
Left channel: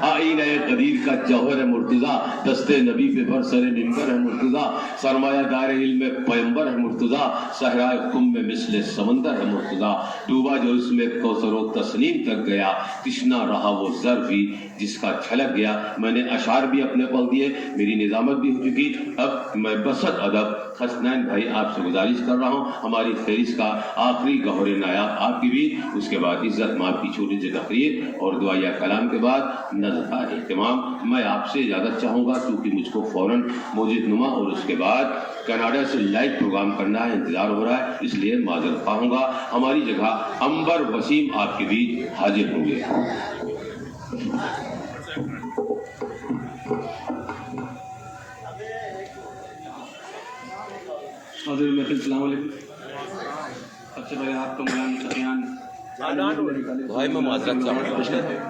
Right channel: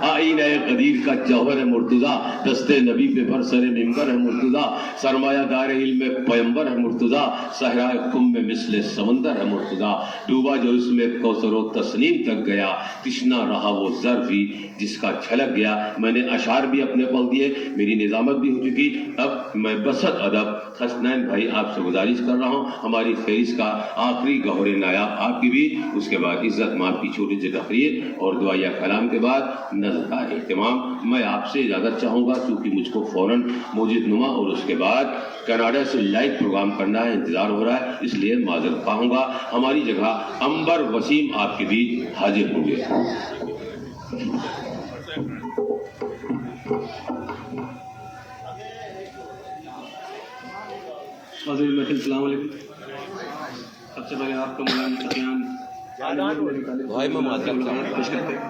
آئینہ قدیر کا جوہر مرتضیٰ دستے نبی پہ برسر نمبر ہے مرتضیٰ سرمایہ دار علم پیمبر ہے مرتضیٰ صحرائے خم میں مثل سمندر ہے مرتضیٰ ڈوبا جو اس میں کوثر و تسنیم تک گیا تشنا رہا وہ ظرف ہی جس کا چھلک گیا میں نے اشعار بھی اپنے پڑھ دیے میری نظامت بھی ہو چکی اب میں بسط ادب حسنین بھائی آپ سے گزارش کر رہا ہوں ہماری فہرست کا آخری گوہر نایاب آپ کی بھی اس کے بعد عزت ماں کی چھوٹی سی تقریر اور دعائیہ کلام کے بعد نظر کا اہتمام میں آپ سے اجازت چاہوں گا کیونکہ مجھ کو فوراً موجود نما اور اس کے بعد کینیڈا سے لائیو پروگرام کرنا ہے انتظار ہو رہا ہے اس لیے معذرت خواہوں گا ہماری جگہ انبر وسیم آپ کے بیچ حاضر ہوں گے حاضر محفل السلام علیکم. سب سے پہلے آپ کو مولانا سفیان بھائی میں معذرت چاہوں گا. خوش کرتے ہیں.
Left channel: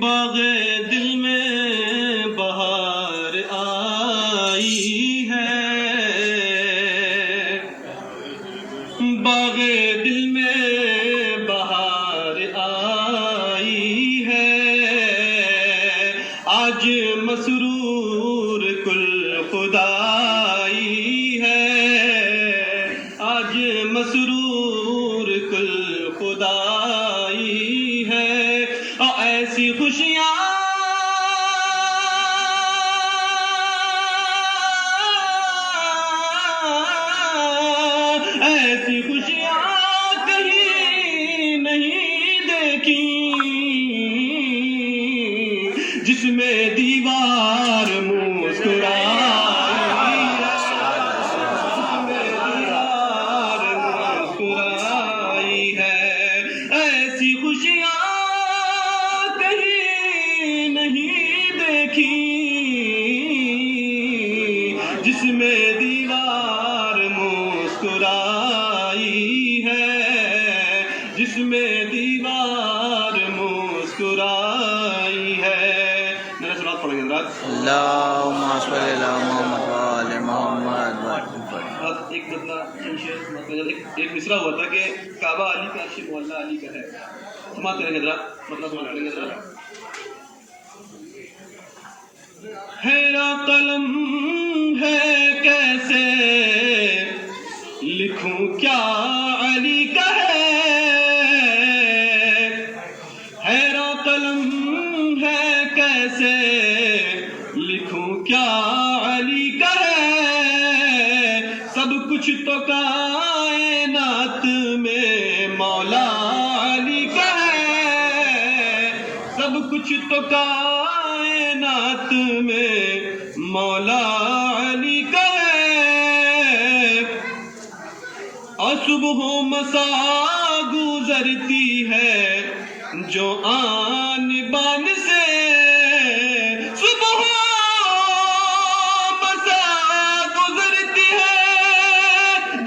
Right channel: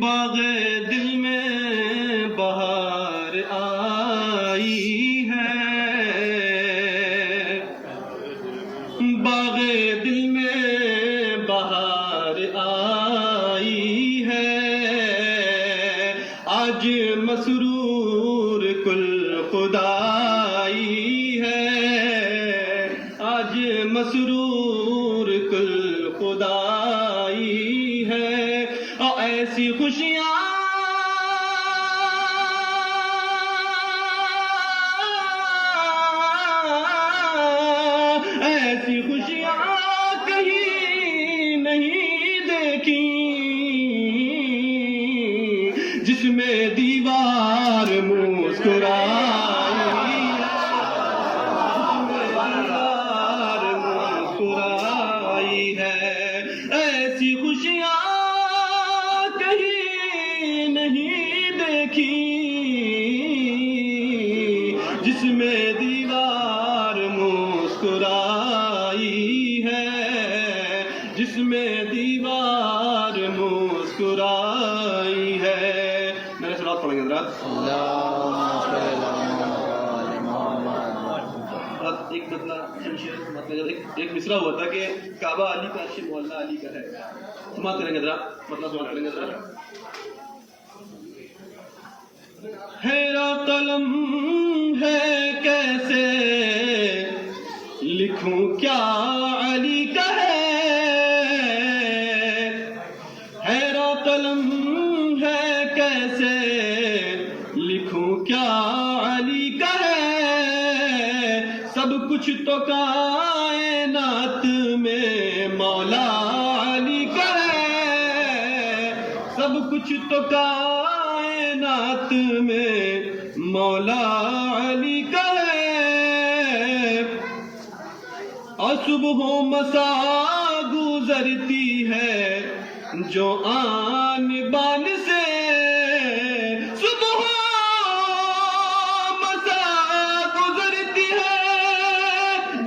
باغ دل میں بہار آئی ہے، باغ دل میں بہار آئی ہے، آج مسرور کل خدائی ہے، آج مسرور کل خدائی ہے، اور ایسی خوشیاں ایسی خوشیاں کہیں نہیں دیکھی، جس میں دیوار مسکرائی ہے، جس میں دیوار مسکرائی ہے، ایسی خوشیاں کہیں نہیں دیکھی، جس میں دیوار مسکرائی ہے، جس میں دیوار مسکرائی ہے. میرا سلام پڑھیں گے حضرات. اللهم صل على محمد وآل محمد. ایک مطلب ایک مصرع ہوا تھا کہ کعبہ علی کا عرش مولا علی کا ہے. سماعت کریں گے حضرات، مطلب سماعت کریں گے حضرات. میرا قلم ہے کیسے لکھوں کیا علی کا ہے، میرا قلم ہے کیسے لکھوں کیا علی کا ہے، سب کچھ تو کائنات میں مولا علی کا ہے، سب کچھ تو کائنات میں مولا علی کا ہے، اور صبح و مساء گزرتی ہے جو آن بان سے، صبح و مساء گزرتی ہے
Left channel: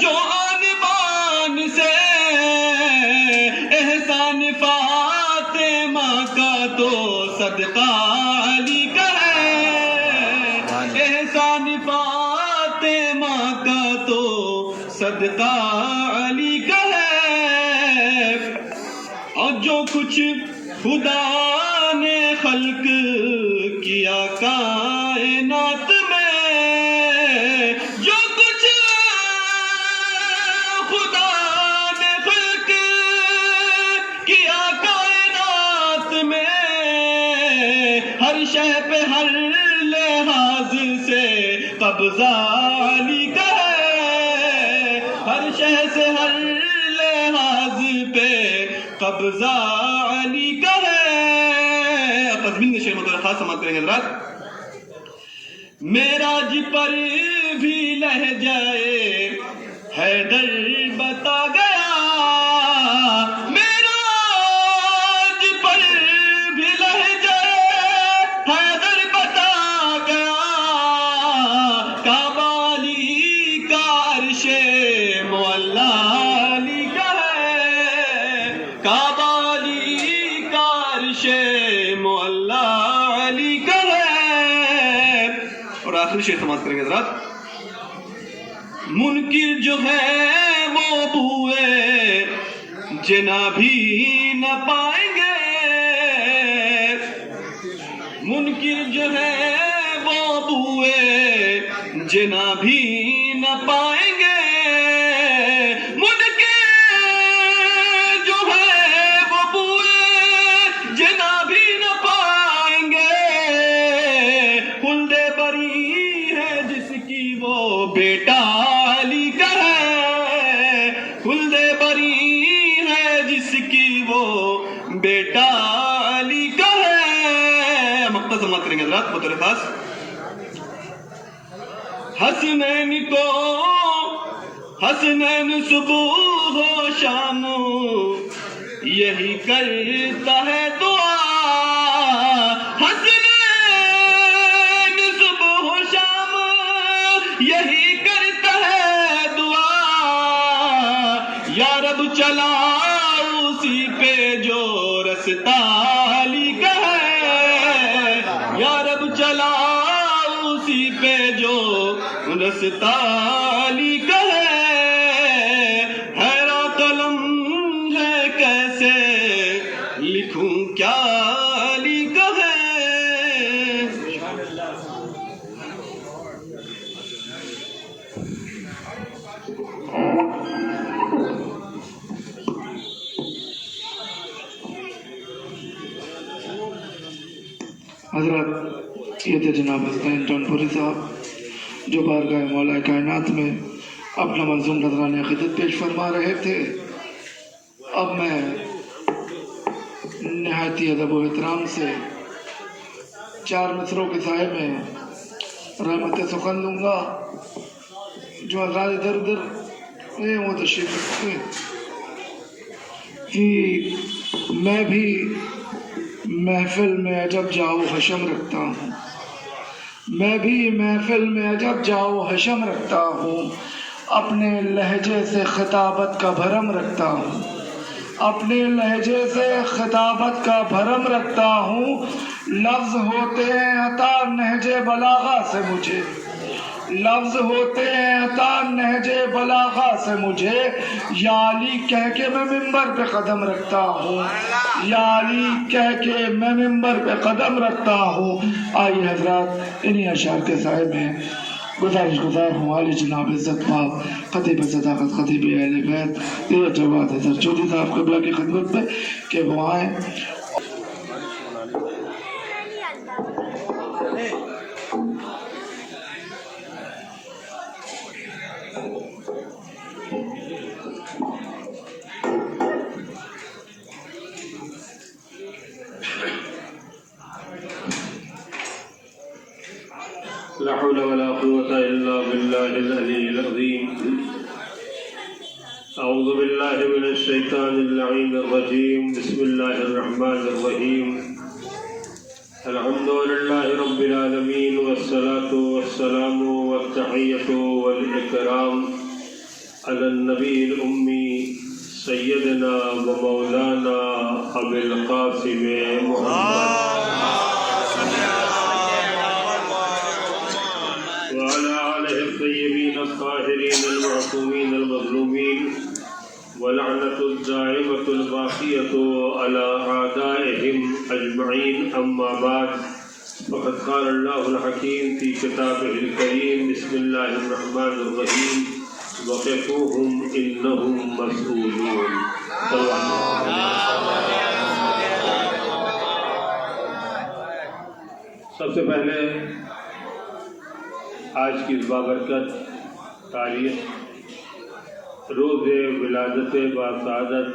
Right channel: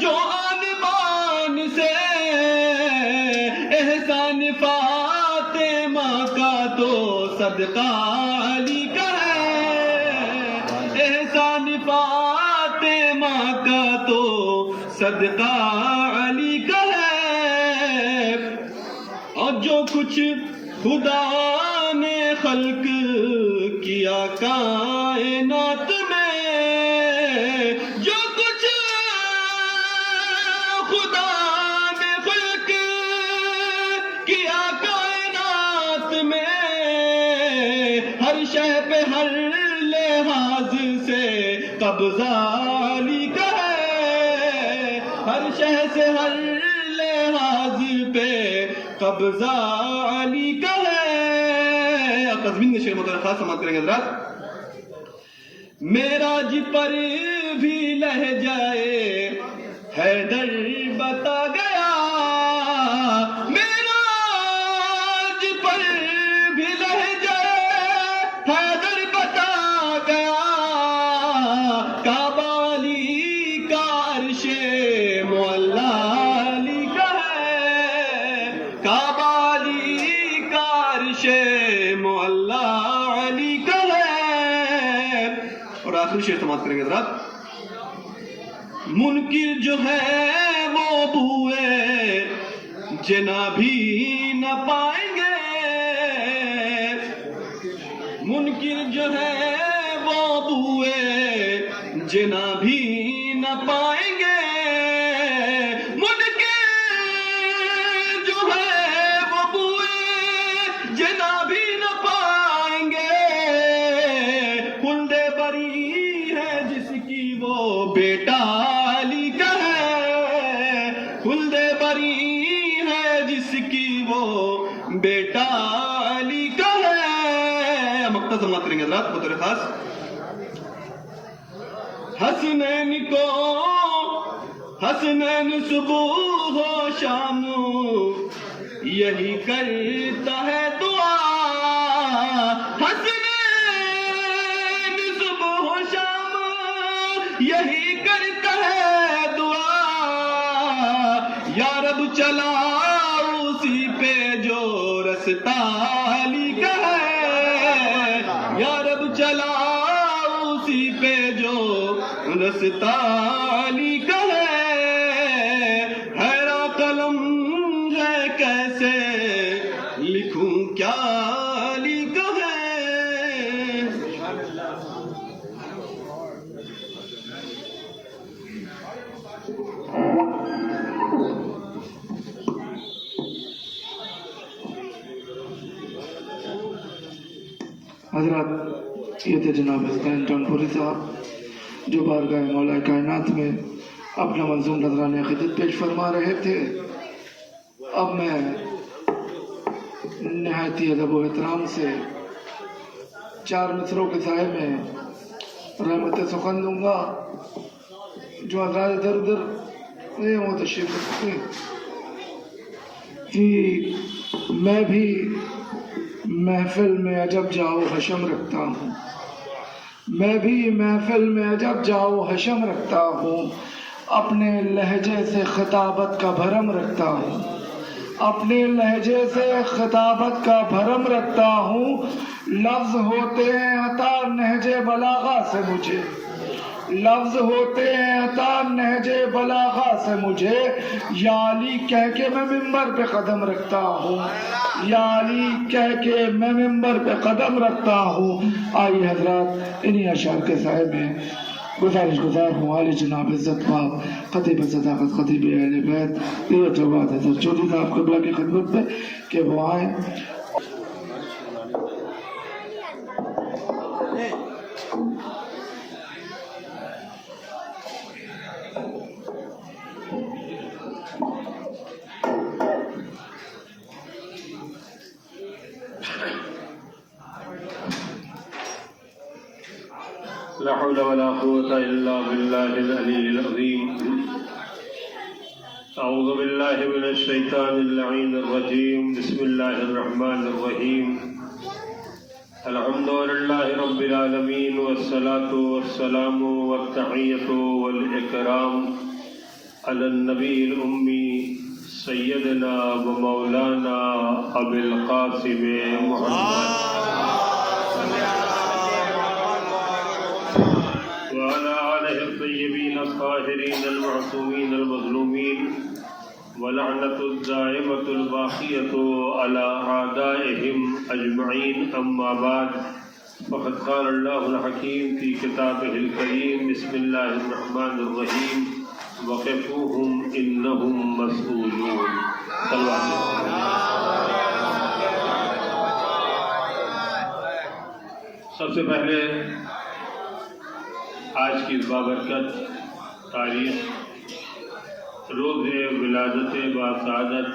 جو آن بان سے، احسان فاطمہ کا تو صدقہ علی کا ہے، احسان فاطمہ کا تو صدقہ علی کا ہے، اور جو کچھ خدا نے خلق کیا کائنات میں، جو کچھ خدا نے خلق کیا کائنات میں، ہر شے پہ ہر لحاظ سے قبضہ علی کا ہے، ہر شے سے ہر لحاظ پہ قبضہ علی کا ہے. تضمین کے شعر مطلب خاص سماعت کریں گے حضرات. معراج پر بھی لہجہ حیدر بتا گیا، معراج پر بھی لہجہ حیدر بتا گیا، کعبہ علی کا عرش معلا علی کا ہے، کعبہ علی کا عرش معلا علی کا ہے. اور آخری شعر سماعت کریں گے حضرات. منکر جو ہے وہ بوئے جنا بھی نہ پائیں گے، منکر جو ہے وہ بوئے جنا بھی نہ پائیں گے، منکر جو ہے وہ بوئے جنا بھی نہ پائیں گے، خلد بری ہے جس کی وہ بیٹا علی کا ہے، خلد بری ہے جس کی وہ بیٹا علی کا ہے. مقطع سماعت کریں گے حضرات بطور خاص. حسنین کو حسنین صبح و شام یہی کرتا ہے دعا حسنین صبح و شام یہی کرتا ہے دعا یا رب چلا اسی پہ جو رستہ علی کا ہے یا رب چلا اسی پہ جو رستہ علی کا ہے حیران قلم ہے کیسے لکھوں کیا علی کا ہے حضرات یہ تھے جناب حسنین جونپوری صاحب جو بارگاہ مولا کائنات میں اپنا منظوم نذرانہ عقیدت پیش فرما رہے تھے۔ اب میں نہایت ادب و احترام سے 4 مصروں کے سائے میں رحمت سخن لوں گا جو حضرات ادھر ادھر وہ تشریف رکھتے کہ میں بھی محفل میں عجب جاؤ حشم رکھتا ہوں میں بھی محفل میں عجب جاؤ حشم رکھتا ہوں اپنے لہجے سے خطابت کا بھرم رکھتا ہوں اپنے لہجے سے خطابت کا بھرم رکھتا ہوں لفظ ہوتے ہیں عطا نہج بلاغہ سے مجھے لفظ ہوتے ہیں عطا نہج بلاغہ سے مجھے یا علی کہہ کے میں ممبر پہ قدم رکھتا ہوں یا علی کہہ کے میں ممبر پہ قدم رکھتا ہوں۔ آئیے حضرات انہی اشعار کے سائے میں گزارش گزار ہوں عالی جناب عزت پاک خطیب صداقت خطیب اہل بیت یہ جواد حضرت چودھری صاحب قبلہ کی خدمت میں کہ وہ آئیں۔ لا حول ولا قوة إلا بالله العلي العظيم أعوذ بالله من الشيطان اللعين الرجيم بسم الله الرحمن الرحيم الحمد لله رب العالمين والصلاة والسلام والتحية والإكرام على النبي الأمي سيدنا ومولانا أبي القاسم محمد وعلى آله الطيبين الطاهرين المعصومين المظلومين ولعنة الدائمة الباقية على أعدائهم أجمعين أما بعد فقد قال الله الحكيم في كتابه الكريم بسم الله الرحمن الرحيم وقفوهم إنهم مسؤولون صلى الله عليه وسلم۔ سب سے پہلے آج کی اس بابرکت تاریخ روز ولادت باسعادت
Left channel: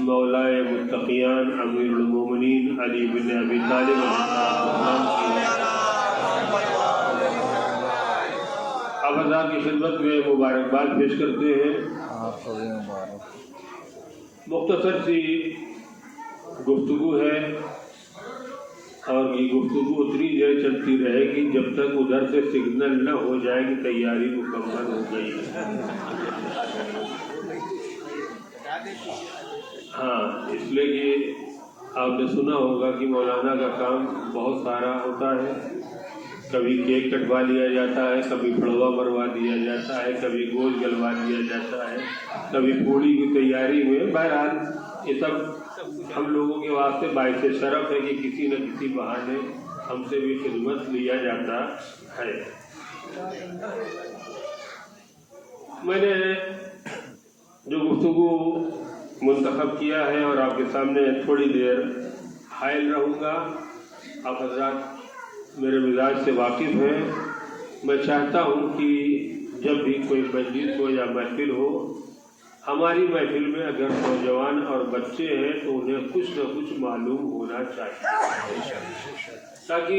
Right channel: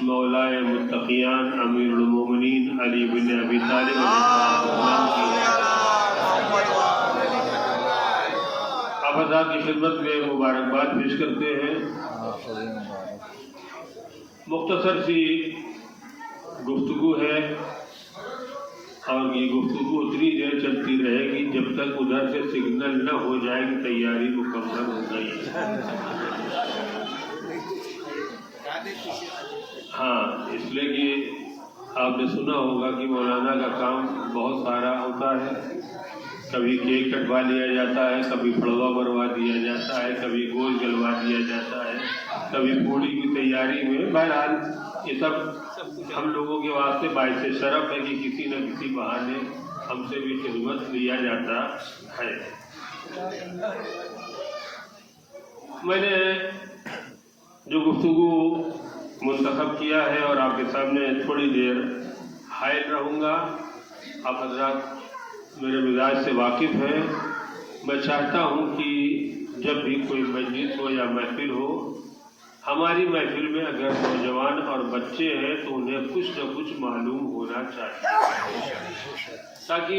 مولائے متقیان امیر المومنین علی بن ابی طالب اب حضرات کی خدمت میں مبارکباد پیش کرتے ہیں۔ مختصر سی گفتگو ہے اور یہ گفتگو اتنی دیر چلتی رہے گی جب تک ادھر سے سگنل نہ ہو جائے کہ تیاری مکمل ہو گئی ہے۔ ہاں اس لیے کہ آپ نے سنا ہوگا کہ مولانا کا کام بہت سارا ہوتا ہے، کبھی کیک کٹوا لیا جاتا ہے، کبھی پھڑوا مروا دیا جاتا ہے، کبھی گوشت جلوا دیا جاتا ہے، کبھی پوڑی کی تیاری میں۔ بہرحال یہ سب ہم لوگوں کے واسطے باعث شرف ہے کہ کسی نہ کسی بہانے ہم سے بھی خدمت لیا جاتا ہے۔ میں نے جو گفتگو منتخب کیا ہے اور آپ کے سامنے تھوڑی دیر حائل رہوں گا، آپ حضرات میرے مزاج سے واقف ہیں۔ میں چاہتا ہوں کہ جب بھی کوئی مجلس ہو یا محفل ہو، ہماری محفل میں اگر نوجوان اور بچے ہیں تو انہیں کچھ نہ کچھ معلوم ہونا چاہیے، تاکہ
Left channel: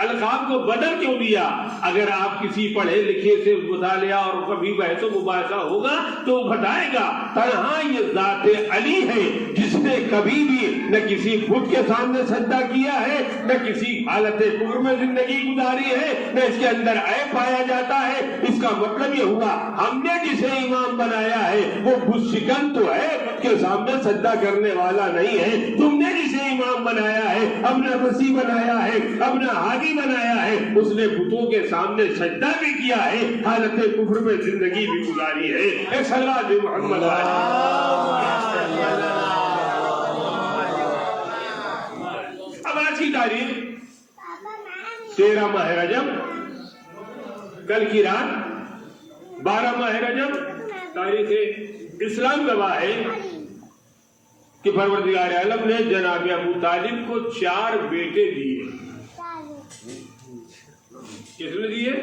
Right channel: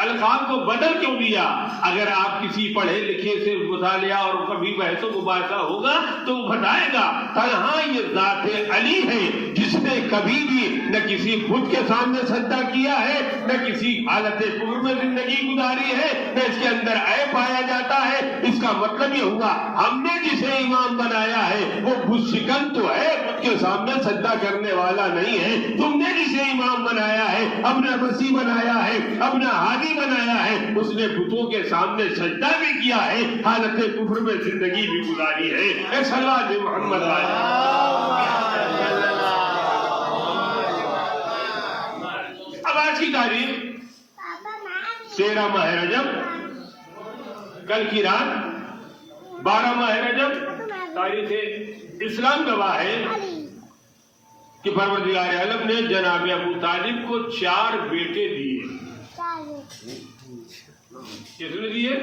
القاب کو بدل کیوں لیا؟ اگر آپ کسی پڑھے لکھے سے مطالعہ اور کبھی بحث و مباحثہ ہوگا تو وہ بتائے گا تنہا یہ ذات علی ہے جس نے کبھی بھی نہ کسی بت کے سامنے سجدہ کیا ہے، نہ کسی حالت کفر میں زندگی گزاری ہے، نہ اس کے اندر عیب پایا جاتا ہے۔ اس کا مطلب یہ ہوا ہم نے جسے امام بنایا ہے وہ بت شکن تو ہے، بت کے سامنے سجدہ کرنے والا نہیں ہے۔ تم نے جسے امام بنایا ہے، اپنا رسی بنایا ہے، اپنا ہادی بنایا ہے، اس نے بتوں کے سامنے سجدہ بھی کیا ہے، حالت کفر میں زندگی بھی گزاری ہے۔ ایک صلوات محمد اب آج کی تاریخ 13 ماہ رجب، کل کی رات 12 ماہ رجب، تاریخ اسلام گواہ ہے کہ پروردگار عالم نے جناب ابو طالب کو 4 بیٹے دیے۔ کس نے دیے؟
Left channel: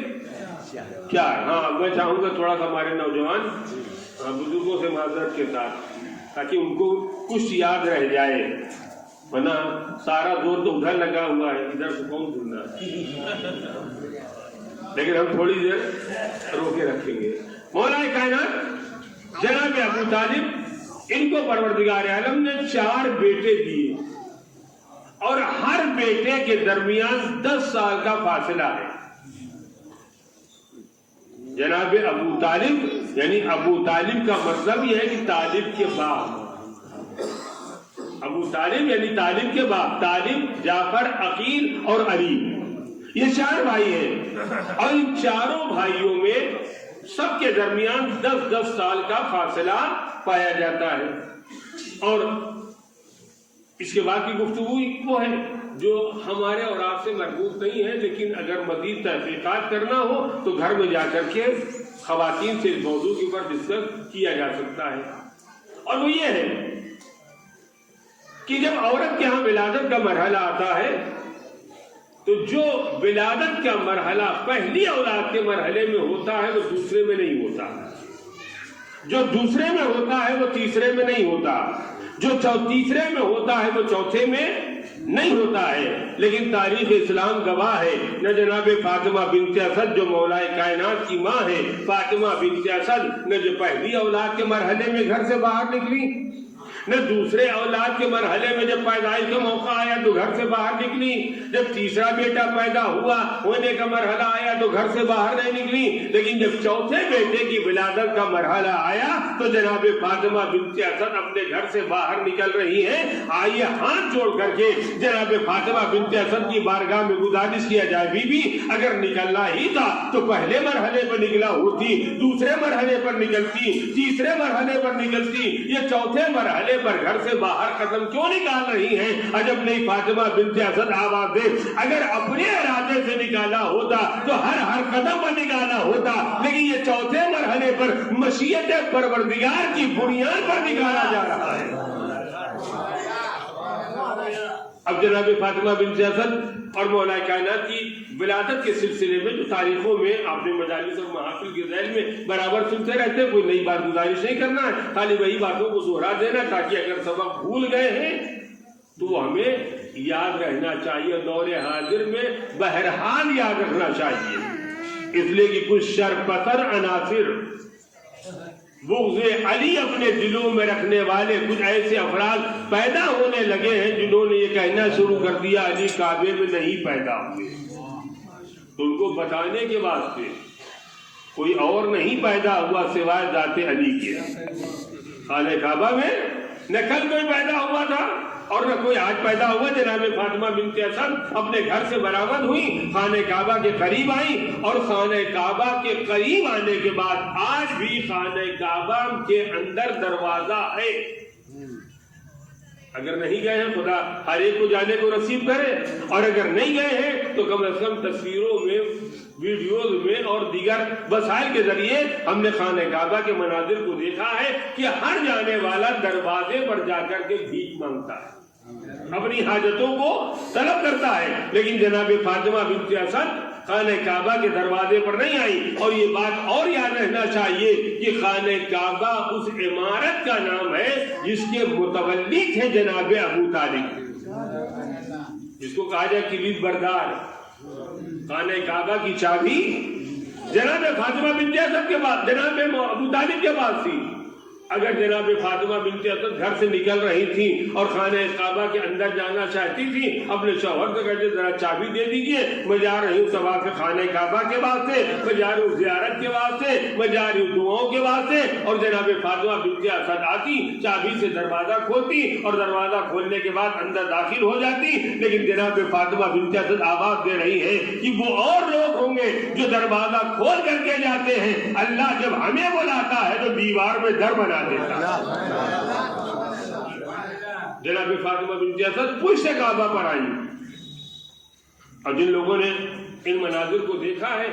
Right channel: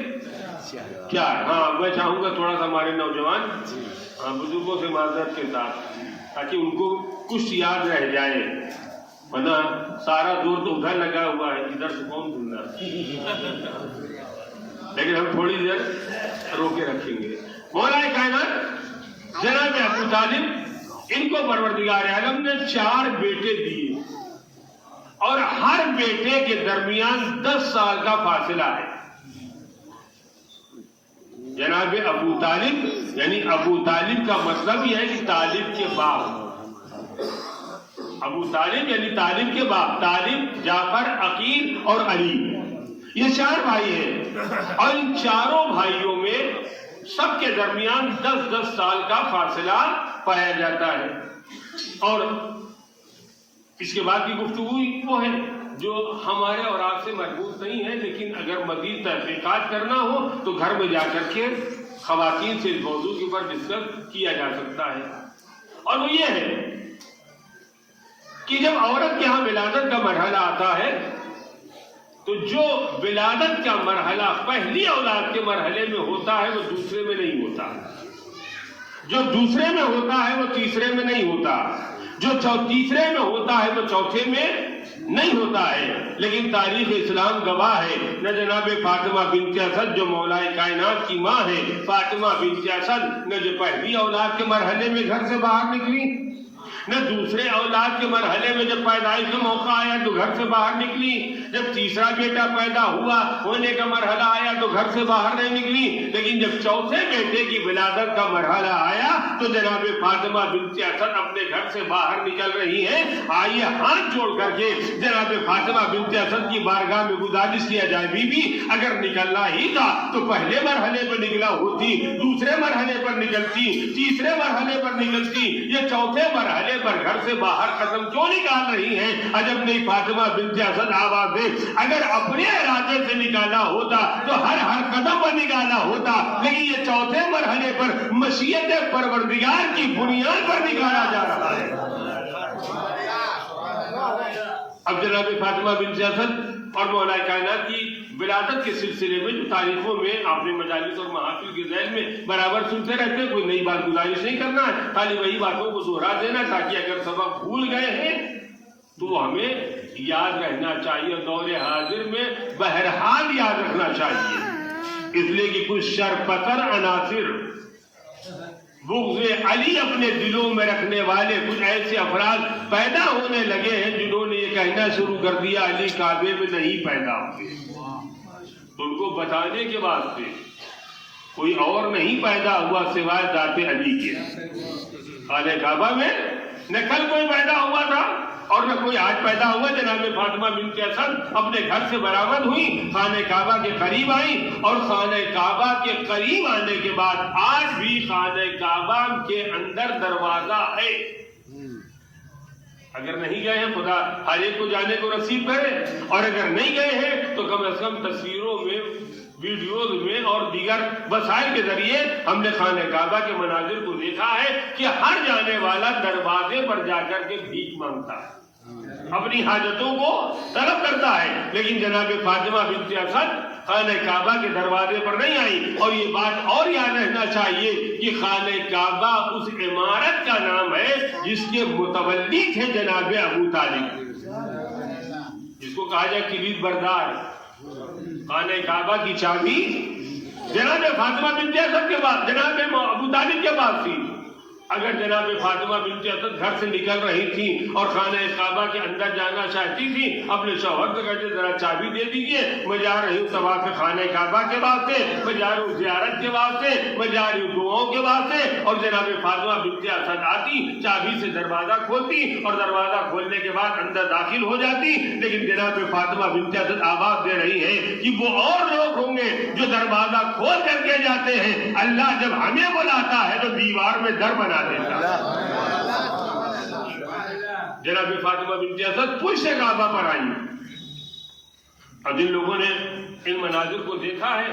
4۔ ہاں میں چاہوں گا تھوڑا سا ہمارے نوجوان بزرگوں سے معذرت کے ساتھ، تاکہ ان کو کچھ یاد رہ جائے، ورنہ سارا زور تو ادھر لگا ہوا ہے، ادھر سے کون سننا ہے۔ لیکن ہم تھوڑی دیر روکے رکھیں گے۔ مولا کائنات جناب ابو طالب، ان کو پروردگار عالم نے 4 بیٹے دیے، اور ہر بیٹے کے درمیان 10 سال کا فاصلہ ہے۔ جناب ابو طالب یعنی ابو طالب کا مطلب یہ ہے کہ طالب کے باپ، ابو طالب یعنی طالب کے باپ، طالب، جعفر، عقیل اور علی، یہ 4 بھائی ہیں، اور ان 4 بھائیوں میں سب کے درمیان 10-10 سال کا فاصلہ پایا جاتا ہے۔ اور اس کے بعد کی گفتگو وہ ہے جو ہمارے اور آپ سے مربوط نہیں ہے، لیکن اگر مزید تحقیقات کرنا ہو تو گھر میں جا کر کے خواتین سے اس موضوع کے اوپر ڈسکس کیا جا سکتا ہے۔ اور وہ یہ ہے کہ جب عورت کے ہاں ولادت کا مرحلہ آتا ہے تو جو ولادت کا مرحلہ پہلی اولاد کے مرحلے میں ہوتا ہے وہ دوسرے میں نہیں ہوتا، جو دوسرے میں ہوتا ہے وہ تیسرے میں نہیں ہوتا، جو تیسرے میں ہوتا ہے وہ چوتھے میں نہیں ہوتا ہے۔ لیکن تاریخ اسلام گواہ ہے، نہ جناب فاطمہ بنت اسد جو مولا کائنات کی ماں ہے، فاطمہ بنت اسد نہ جو پہلی اولاد کے مرحلے میں گھر سے باہر نکلی، نہ دوسرے اولاد کے مرحلے میں جب پیدائش کا موقع آیا تو گھر سے باہر نکلی، جب تیسرا بیٹا پیدا ہوا ہونے کا مرحلہ آیا تو گھر سے باہر نہیں نکلی، لیکن جب چوتھے بیٹے کی ولادت کا مرحلہ آیا تو جناب فاطمہ بنت اسد اپنے گھر سے باہر نکل رہی ہیں۔ آئیے ہاتھ جوڑ کر کے جناب فاطمہ بنت اسد کی بارگاہ میں گزارش کیا جائے، بی بی اگر نکلنا ہی تھا تو پہلے مرحلے پر نکلا ہوتی، دوسرے مرحلے پر نکلتی، تیسرے مرحلے پر نکلتی، یہ چوتھے مرحلے پر گھر سے باہر قدم کیوں نکال رہی ہیں؟ عجب نہیں فاطمہ بنت اسد آواز دے، اگر اپنے ارادے سے نکالا ہوتا تو ہر قدم پر نکالا ہوتا، لیکن یہ چوتھے مرحلے پر مشیت پروردگار کی بنیاد پر نکالا جا رہا ہے۔ اب جناب فاطمہ بنت اسد اور مولا کائنات کی ولادت کے سلسلے میں جو تاریخوں میں اپنے مجالس اور محافل کے ذیل میں برابر سنتے رہتے ہیں، کوئی نئی بات گزارش نہیں کرنا ہے، خالی وہی باتوں کو دوہرا دینا تاکہ اگر سبق بھول گئے ہیں تو ہمیں یاد رہنا چاہیے، دور حاضر میں بہرحال یاد رکھنا چاہیے۔ اس لیے کہ کچھ شرپسر عناصر بغض علی اپنے دلوں میں رکھنے والے کچھ ایسے افراد پیدا ہونے لگے ہیں جنہوں نے یہ کہنا شروع کر دیا علی کعبے میں نہیں پیدا ہوئے، تو ان کو بتانے کے واسطے کوئی اور نہیں پیدا ہوا سوائے ذات علی کے۔ خانہ کعبہ میں نہ کل کوئی پیدا ہوا تھا اور نہ کوئی آج پیدا ہوا۔ جناب فاطمہ بنت اسد اپنے گھر سے برآمد ہوئی، خانہ کعبہ کے قریب آئیں، اور خانہ کعبہ کے قریب آنے کے بعد آج بھی خانہ کعبہ کے اندر دروازہ ہے۔ اگر نہیں گئے ہیں خدا ہر ایک کو جانے کو نصیب کرے، اور اگر نہیں گئے ہیں تو کم از کم تصویروں میں، ویڈیوز میں اور دیگر وسائل کے ذریعے ہم نے خانہ کعبہ کے مناظر کو دیکھا ہے کہ ہر جانے والا دروازے پر جا کر کے بھیک مانگتا ہے، اپنی حاجتوں کو طلب کرتا ہے، لیکن جناب فاطمہ بنت اسد خانہ کعبہ کے دروازے پر نہیں آئی۔ اور یہ بات اور یاد رہنا چاہیے کہ خانہ کعبہ اس عمارت کا نام ہے جس کے متولی تھے جناب ابو طالب، جس کو کہا جائے کلید بردار، خانہ کعبہ کی چابی جناب فاطمہ بنت اسد کے پاس، جناب ابو طالب کے پاس تھی۔ اگر جناب فاطمہ بنت اسد گھر سے نکل رہی تھی اور خانہ کعبہ کے اندر جانا چاہتی تھی، اپنے شوہر کو کہتے ذرا چابی دے دیجئے، میں جا رہی ہوں طواف خانہ کعبہ کے واسطے، میں جا رہی ہوں زیارت کے واسطے، میں جا رہی ہوں دعاؤں کے واسطے، اور جناب فاطمہ بنت اسد آتی، چابی سے دروازہ کھولتی اور دروازہ کھولنے کے بعد اندر داخل ہو جاتی۔ لیکن جناب فاطمہ بنت اسد آواز دے رہی ہے کہ وہ اور لوگ ہوں گے جو دروازہ کھول کر کے جاتے ہیں، اللہ جب ہمیں بلاتا ہے تو دیوار میں در بنا دیتا ہے۔ جناب فاطمہ بنت اسد پشت کعبہ پر آئی، اور جن لوگوں نے ان مناظر کو دیکھا ہے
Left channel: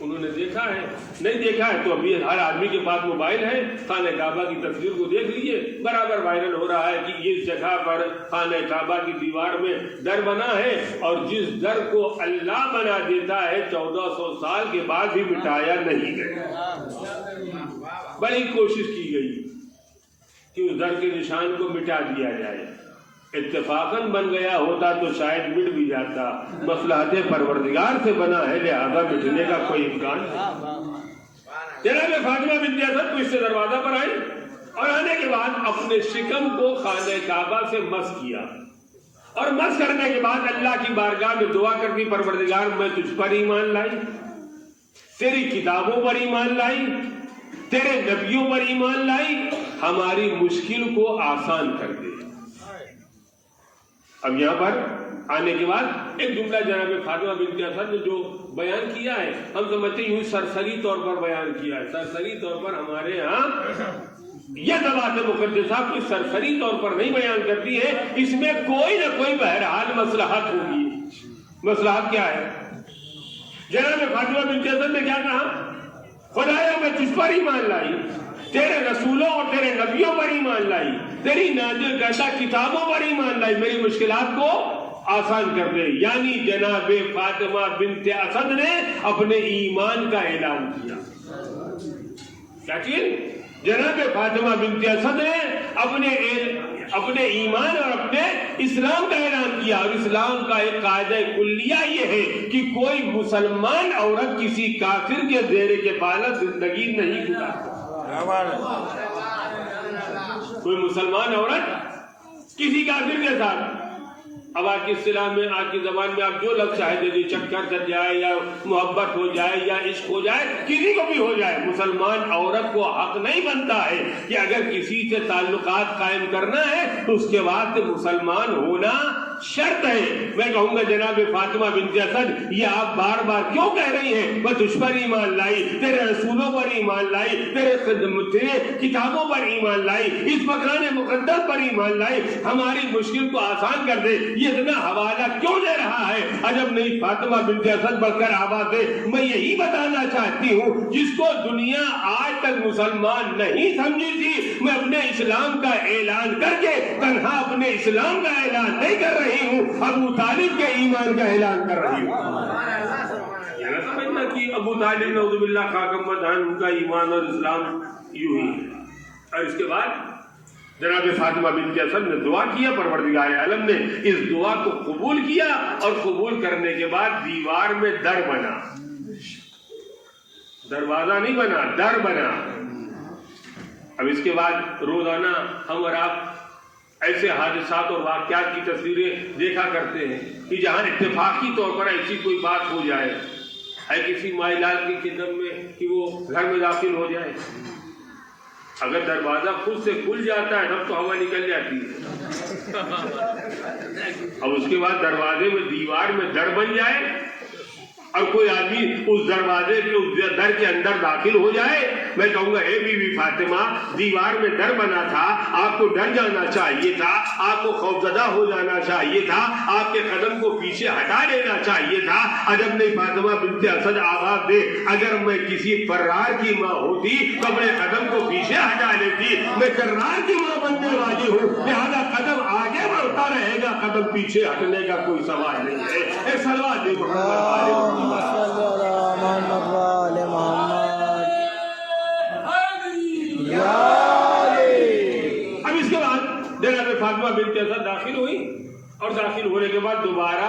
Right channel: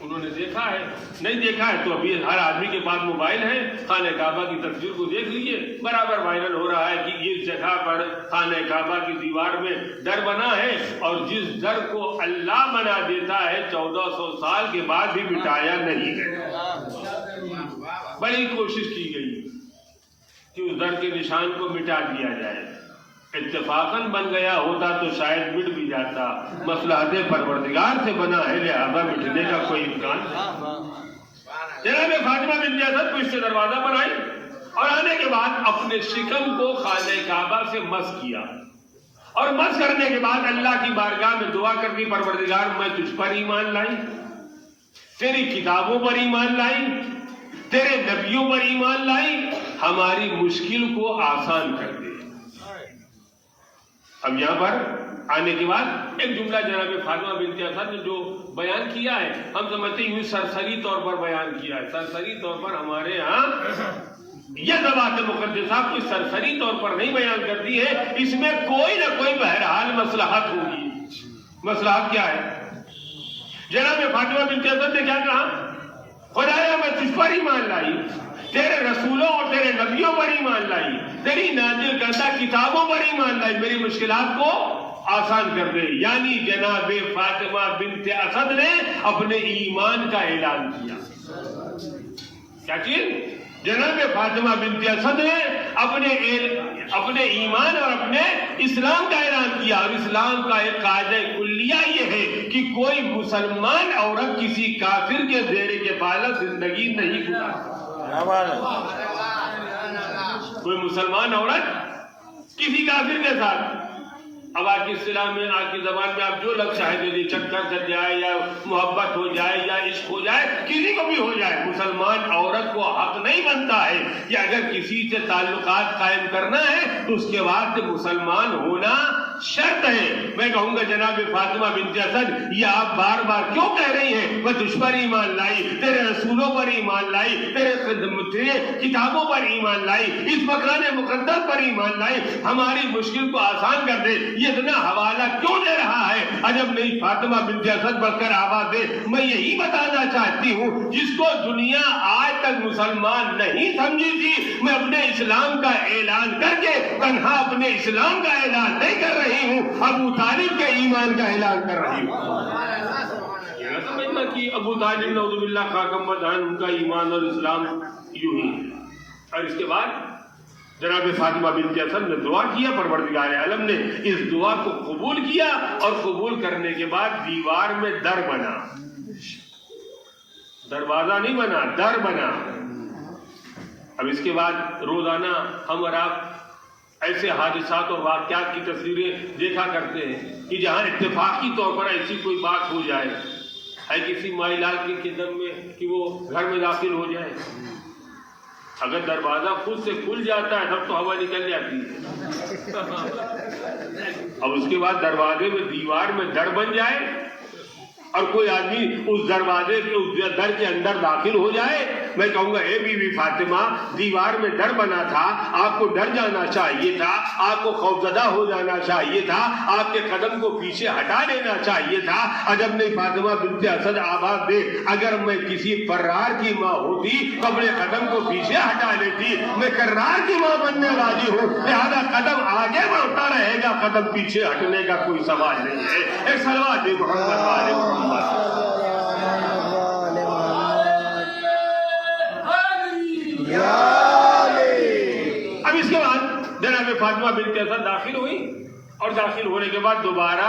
انہوں نے دیکھا ہے، نہیں دیکھا ہے تو ابھی ہر آدمی کے پاس موبائل ہے، خانہ کعبہ کی تصویر کو دیکھ لیجئے، برابر وائرل ہو رہا ہے کہ اس جگہ پر خانہ کعبہ کی دیوار میں در بنا ہے، اور جس در کو اللہ بنا دیتا ہے 1400 سال کے بعد بھی مٹایا نہیں گیا۔ بڑی کوشش کی گئی کہ اس در کے نشان کو مٹا دیا جائے، اتفاقاً بن گیا ہوتا تو شاید مٹ بھی جاتا، مصلحت پروردگار سے بنا ہے لہذا مٹنے کا کوئی امکان نہیں۔ جناب فاطمہ بنت اسد پشت دروازہ پر آئی، اور آنے کے بعد اپنے شکم کو خانہ کعبہ سے مس کیا، اور مس کرنے کے بعد اللہ کی بارگاہ میں دعا کرتی، پروردگار میں تجھ پر ایمان لائی، تیری کتابوں پر ایمان لائی، تیرے نبیوں پر ایمان لائی، ہماری مشکل کو آسان کر دے۔ اب یہاں پر آنے کے بعد ایک جملہ جناب فاطمہ بنت اسد نے جو بیان کیا ہے، ہم سمجھتے ہیں سرسری طور پر بیان کیا ہے۔ سرسری طور پر ہمارے ہاں یہ ذوات مقدسہ کوئی سرسری طور پر نہیں بیان کرتی ہے، اس میں کوئی نہ کوئی بہرحال مصلحت ہوگی۔ مصلحت کیا ہے؟ جناب فاطمہ بنت اسد نے کیا کہا؟ خدایا میں تجھ پر ایمان لائی، تیرے رسولوں اور تیرے نبیوں پر ایمان لائی، تیری نازل کردہ کتابوں پر ایمان لائی، میری مشکلات کو آسان کر دے۔ یعنی جناب فاطمہ بنت اسد نے اپنے ایمان کا اعلان کیا۔ کیا چیز؟ جناب فاطمہ بنت اسد نے اپنے ایمان اور اپنے اسلام کا اعلان کیا، اور اسلام کا ایک قاعدہ کلیہ یہ ہے کہ کوئی مسلمان عورت کسی کافر کے زیر کفالت زندگی نہیں گزارتی۔ کوئی مسلمان عورت کسی کافر کے ساتھ، اب آج کی اصطلاح میں، آج کی زبان میں آپ جو لفظ چاہے دے، چکر چل جائے یا محبت ہو جائے یا عشق ہو جائے، کسی کو بھی ہو جائے، مسلمان عورت کو حق نہیں بنتا ہے کہ اگر کسی سے تعلقات قائم کرنا ہے تو اس کے بعد مسلمان ہونا شرط ہے۔ میں کہوں گا جناب فاطمہ بنت اسد یہ آپ بار بار کیوں کہہ رہی ہیں میں تجھ پر ایمان لائی، تیرے رسولوں پر ایمان لائی، تیرے کتابوں پر ایمان لائی، اس مکان مقدس پر ایمان لائی، ہماری مشکل کو آسان کر دے، یہ اتنا حوالہ کیوں دے رہا ہے؟ عجب نہیں فاطمہ بنت اسد بڑھ کر آواز دے۔ میں یہی بتانا چاہتی ہوں جس کو دنیا آج تک مسلمان نہیں سمجھی تھی، میں اپنے اسلام کا اعلان کر کے تنہا اپنے اسلام کا اعلان نہیں کر رہی ہوں، ابو طالب کے ایمان کا اعلان کر رہی ہوں۔ یہ نہ سمجھنا کہ ابو طالب نعوذ باللہ خاکم مدان ان کا ایمان اور اسلام یوں ہی۔ اور اس کے بعد جناب فاطمہ بنت اسد نے دعا کیا، پروردگار عالم نے اس دعا کو قبول کیا، اور قبول کرنے کے بعد دیوار میں در بنا، دروازہ نہیں بنا، در بنا۔ اب اس کے بعد روزانہ ہم اور آپ ایسے حادثات اور واقعات کی تصویریں دیکھا کرتے ہیں کہ جہاں اتفاقی طور پر ایسی کوئی بات ہو جائے، ہے کسی مائلال کی قدم میں کہ وہ گھر میں داخل ہو جائے، اگر دروازہ خود سے کھل جاتا ہے تب تو ہوا نکل جاتی ہے، اب اس کے بعد دروازے میں دیوار میں در بن جائے اور کوئی آدمی اس دروازے کے اس در کے اندر داخل ہو جائے، میں کہوں گا اے بی بی فاطمہ دیوار میں در بنا تھا، آپ کو ڈر جانا چاہیے تھا، آپ کو خوفزدہ ہو جانا چاہیے تھا، آپ کے قدم کو پیچھے ہٹا لینا چاہیے تھا۔ عجب نہیں فاطمہ بنت اسد آواز دے، اگر میں کسی فرار کی ماں ہوتی تو اپنے قدم کو پیچھے ہٹا لیتی، میں کرار کی ماں بننے والی ہوں، لہذا قدم آگے بڑھتا رہے گا، قدم پیچھے ہٹنے کا کوئی سوال نہیں ہے۔ ایک صلوات دے محمد اب اس کے بعد جناب فاطمہ بنت اسد داخل ہوئی، اور داخل ہونے کے بعد دوبارہ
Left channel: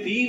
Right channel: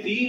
3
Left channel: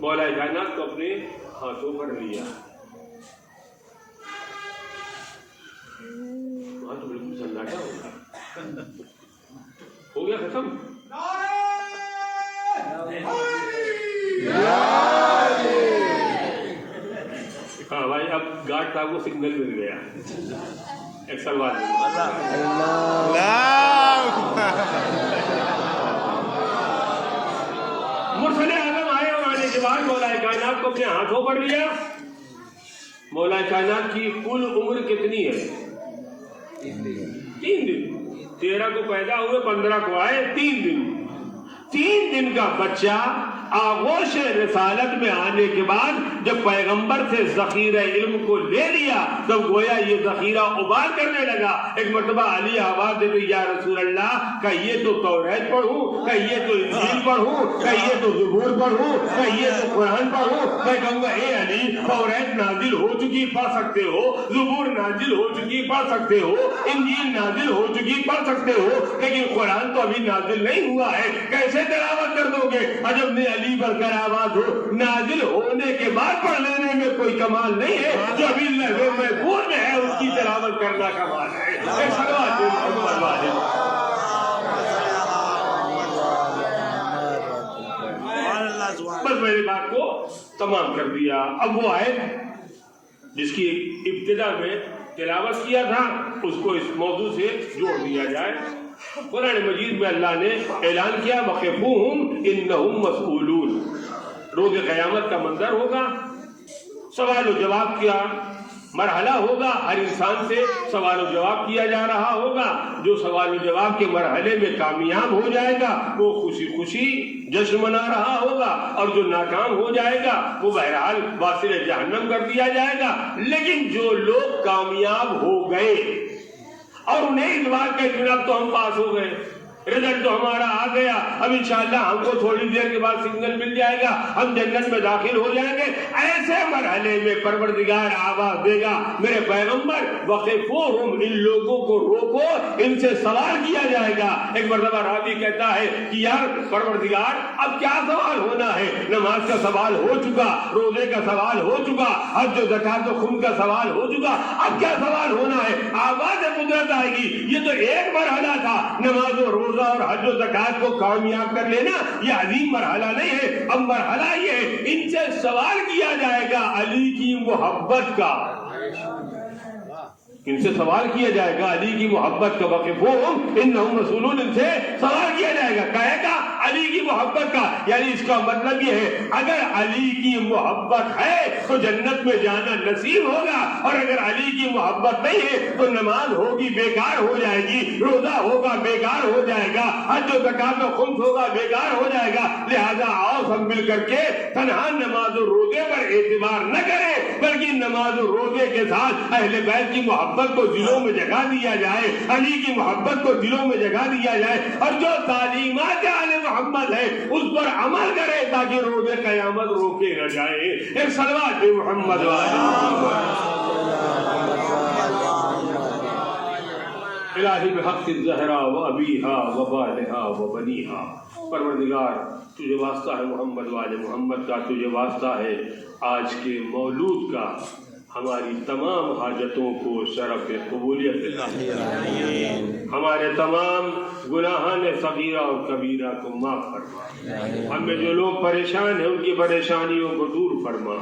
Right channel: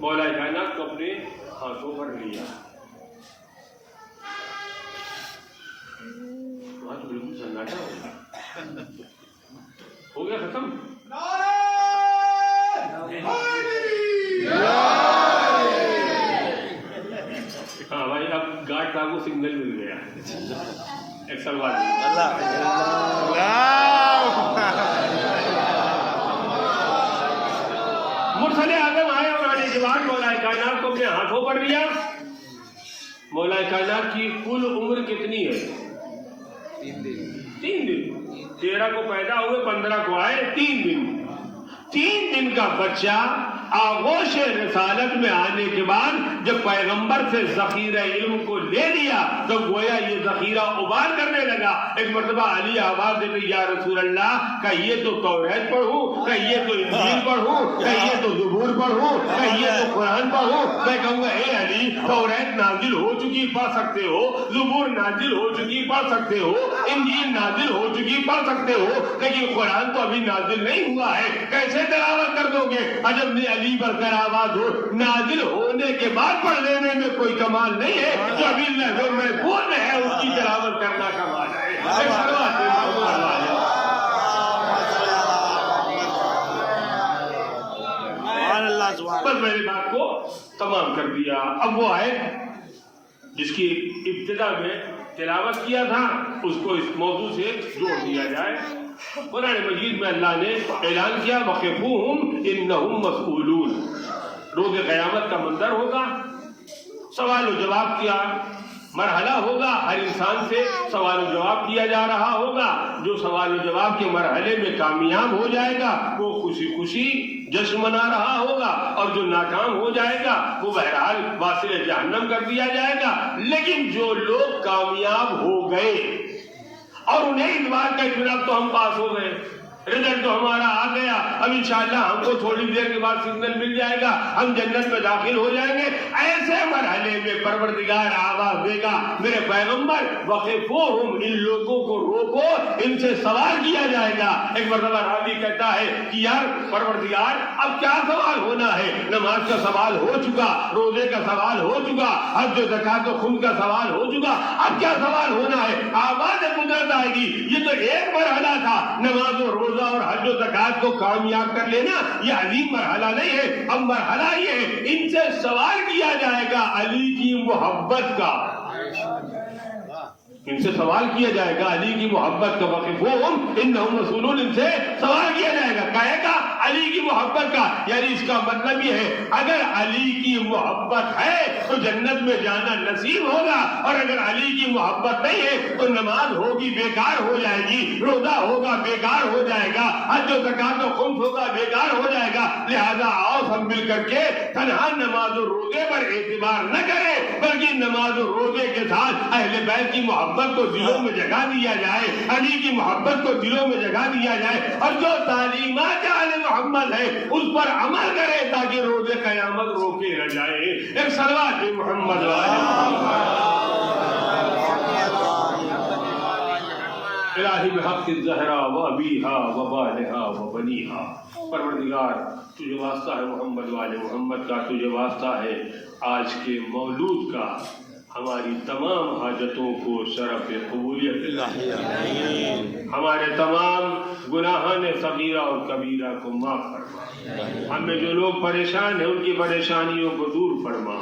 مولا کائنات کو اپنے ہاتھوں پر لیا. وہاں تو بالکل سناٹا ہو گیا ختم. ہاں بھائی اب گارڈ صاحب کو سگنل مل گیا. ایک سلوار مرسل اعظم آئے اور آنے کے بعد مولا کائنات کو اپنے ہاتھوں پر لیا. مولا کائنات کی کل عمر کتنی ہے؟ 3 دن. 13 کو پیدا ہوئے، 15 کو آئے، 3 دن. 3 دن کا بچہ آغوش رسالت میں آنے کے بعد جب پیغمبر سے ذخیرہ علم کو لے لیا تو گویا یہ ذخیرہ ابال کرنے لگا. ایک مرتبہ علی آواز دے یا رسول اللہ، کہ یہ تو توریت پڑھوں، کہ یہ تو انجیل پڑھوں، کہ یہ تو زبور پڑھوں، کہ یہ تو قرآن پڑھوں. میں کہوں گا اے علی، توریت نازل ہو چکی پڑھ سکتے ہو، زبور نازل ہو چکی پڑھ سکتے ہو، انجیل نازل ہو چکی پڑھ سکتے ہو، لیکن قرآن تو ابھی نازل نہیں ہوا ہے، کیسے تلاوت کر دو گے؟ عجب نے علی پر کر آواز ہو، نازل ہونے کے بعد پڑھ لینے میں کوئی کمال نہیں ہے، جو ابھی لہو محفوظ میں ہے اس کی تلاوت کرنا کمال ہے. بس میں نے بات کو تمام کر دیا. اب وہ ہے جس کی ابتدا میں تلاوت کیا تھا اس کو اس موضوع سے جوڑ دیا جائے. قرآن مجید میں اللہ نے اعلان کیا وقفوہم انہم مسئولون. روز قیامت کا منظر ہوگا، سوال و جواب کیا مرحلہ ہوگا، ہر انسان سے سوال و جواب کیا جا رہا ہوگا. جو سوال و جواب کے مرحلے میں کامیاب ہو جائے گا وہ خوشی خوشی جشن منا رہا ہوگا، اور جو ناکام ہو جائے گا وہ بہرحال واصل جہنم کر دیا جائے گا. لیکن جو لوگ کامیاب ہو گئے اور انہیں اس بات کا اطمینان تو ہم پاس ہو گئے، رزلٹ تو ہمارا آ گیا، اب انشاءاللہ ہم کو تھوڑی دیر کے بعد سگنل مل جائے گا، ہم جنت میں داخل ہو جائیں گے. ایسے مرحلے میں پروردگار آواز دے گا میرے پیغمبر وقفوہم، ان لوگوں کو روکو، ان سے سوال کیا جائے گا. ایک مرتبہ راوی کہتا ہے کہ یار پروردگار اب کیا سوال ہونا ہے؟ نماز کا سوال ہو چکا، روزے کا سوال ہو چکا، حج و زکات و خون کا سوال ہو چکا، اب کیا سوال ہونا ہے؟ آواز قدرت آئے گی یہ تو ایک مرحلہ تھا، نماز و روزہ اور حج و زکات کو کامیاب کر لینا یہ عظیم مرحلہ نہیں ہے. اب مرحلہ یہ ہے ان سے سوال کیا جائے گا علی کی محبت کا. ان سے سوال کیا جائے گا علی کی محبت کا. وقفوہم انہم مسئولون، ان سے سوال کیا جائے گا کہے گا علی کی محبت کا. یعنی اس کا مطلب یہ ہے اگر علی کی محبت ہے تو جنت میں جانا نصیب ہوگا، اور اگر علی کی محبت نہیں ہے تو نماز ہوگی بیکار ہو جائے گی، روزہ ہوگا بیکار ہو جائے گا، حج و زکات و خمس ہوگا بیکار ہو جائے گا. لہذا آؤ سب مل کر کے تنہا نماز و روزے پر اعتبار نہ کرے بلکہ نماز و روزے کے ساتھ اہل بیت کی محبت کو دلوں میں جگہ دیا جائے، علی کی محبت کو دلوں میں جگہ دیا جائے، اور جو تعلیمات آل محمد ہے اس پر عمل کرے تاکہ روز قیامت روکے نہ جائے. ایک صلوات محمد الہی بحق الزہرا و ابیہا و بالہا و بنیہا. پروردگار تجھے واسطہ ہے محمد والے محمد کا، تجھے واسطہ ہے آج کے مولود کا. ہماری تمام حاجتوں کو شرف قبولیت، ہمارے تمام گناہان صغیرہ اور کبیرہ کو معاف فرما. ہم میں جو لوگ پریشان ہیں ان کی پریشانیوں کو دور فرما،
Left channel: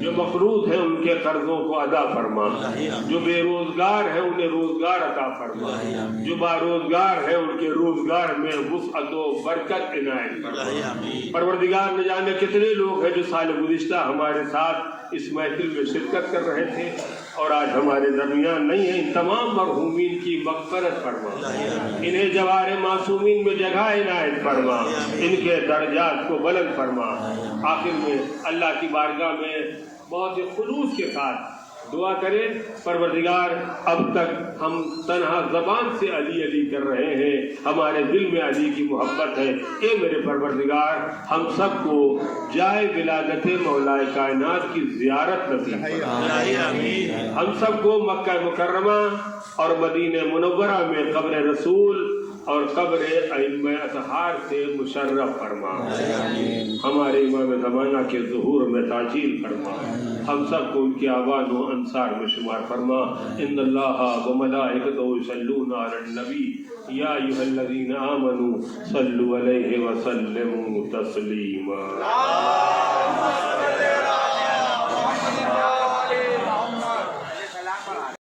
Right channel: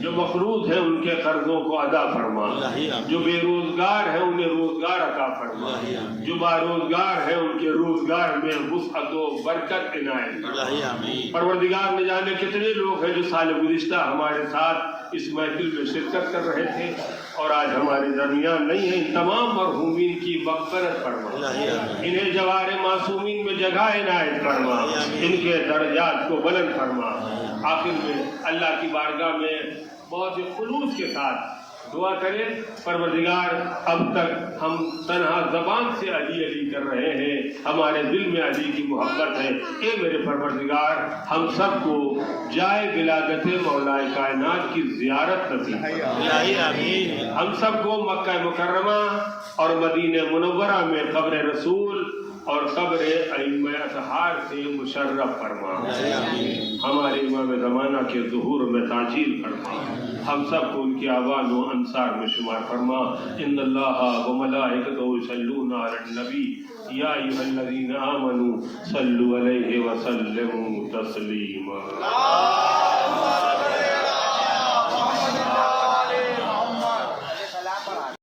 جو مقروض ہیں ان کے قرضوں کو ادا فرما، جو بے روزگار ہیں انہیں روزگار عطا فرما، جو باروزگار ہیں ان کے روزگار میں وسعت و برکت عنایت فرما. پروردگار نہ جانے کتنے لوگ ہیں جو سال گزشتہ ہمارے ساتھ اس محفل میں شرکت کر رہے تھے اور آج ہمارے درمیان نہیں ہیں. ان تمام مرحومین کی مغفرت فرما، انہیں جوار معصومین میں جگہ عنایت فرما، ان کے درجات کو بلند فرما. آخر میں اللہ کی بارگاہ میں بہت ہی خلوص کے ساتھ دعا کریں پروردگار اب تک ہم تنہا زبان سے علی علی کر رہے ہیں، ہمارے دل میں علی کی محبت ہے. اے میرے پروردگار ہم سب کو جائے ولادت مولا کائنات کی زیارت نصیب فرما. ہم سب کو مکہ مکرمہ اور مدینہ منورہ میں قبر رسول اور قبر ائمہ اطہار سے مشرف فرما، ہمارے امام زمانہ کے ظہور میں تاجیل فرما، ہم سب کو ان کے آبان و انصار میں شمار فرما۔ ان اللہ و ملائکتہ یصلون علی النبی یا ایھا الذین آمنوا صلوا علیہ وسلموا تسلیما۔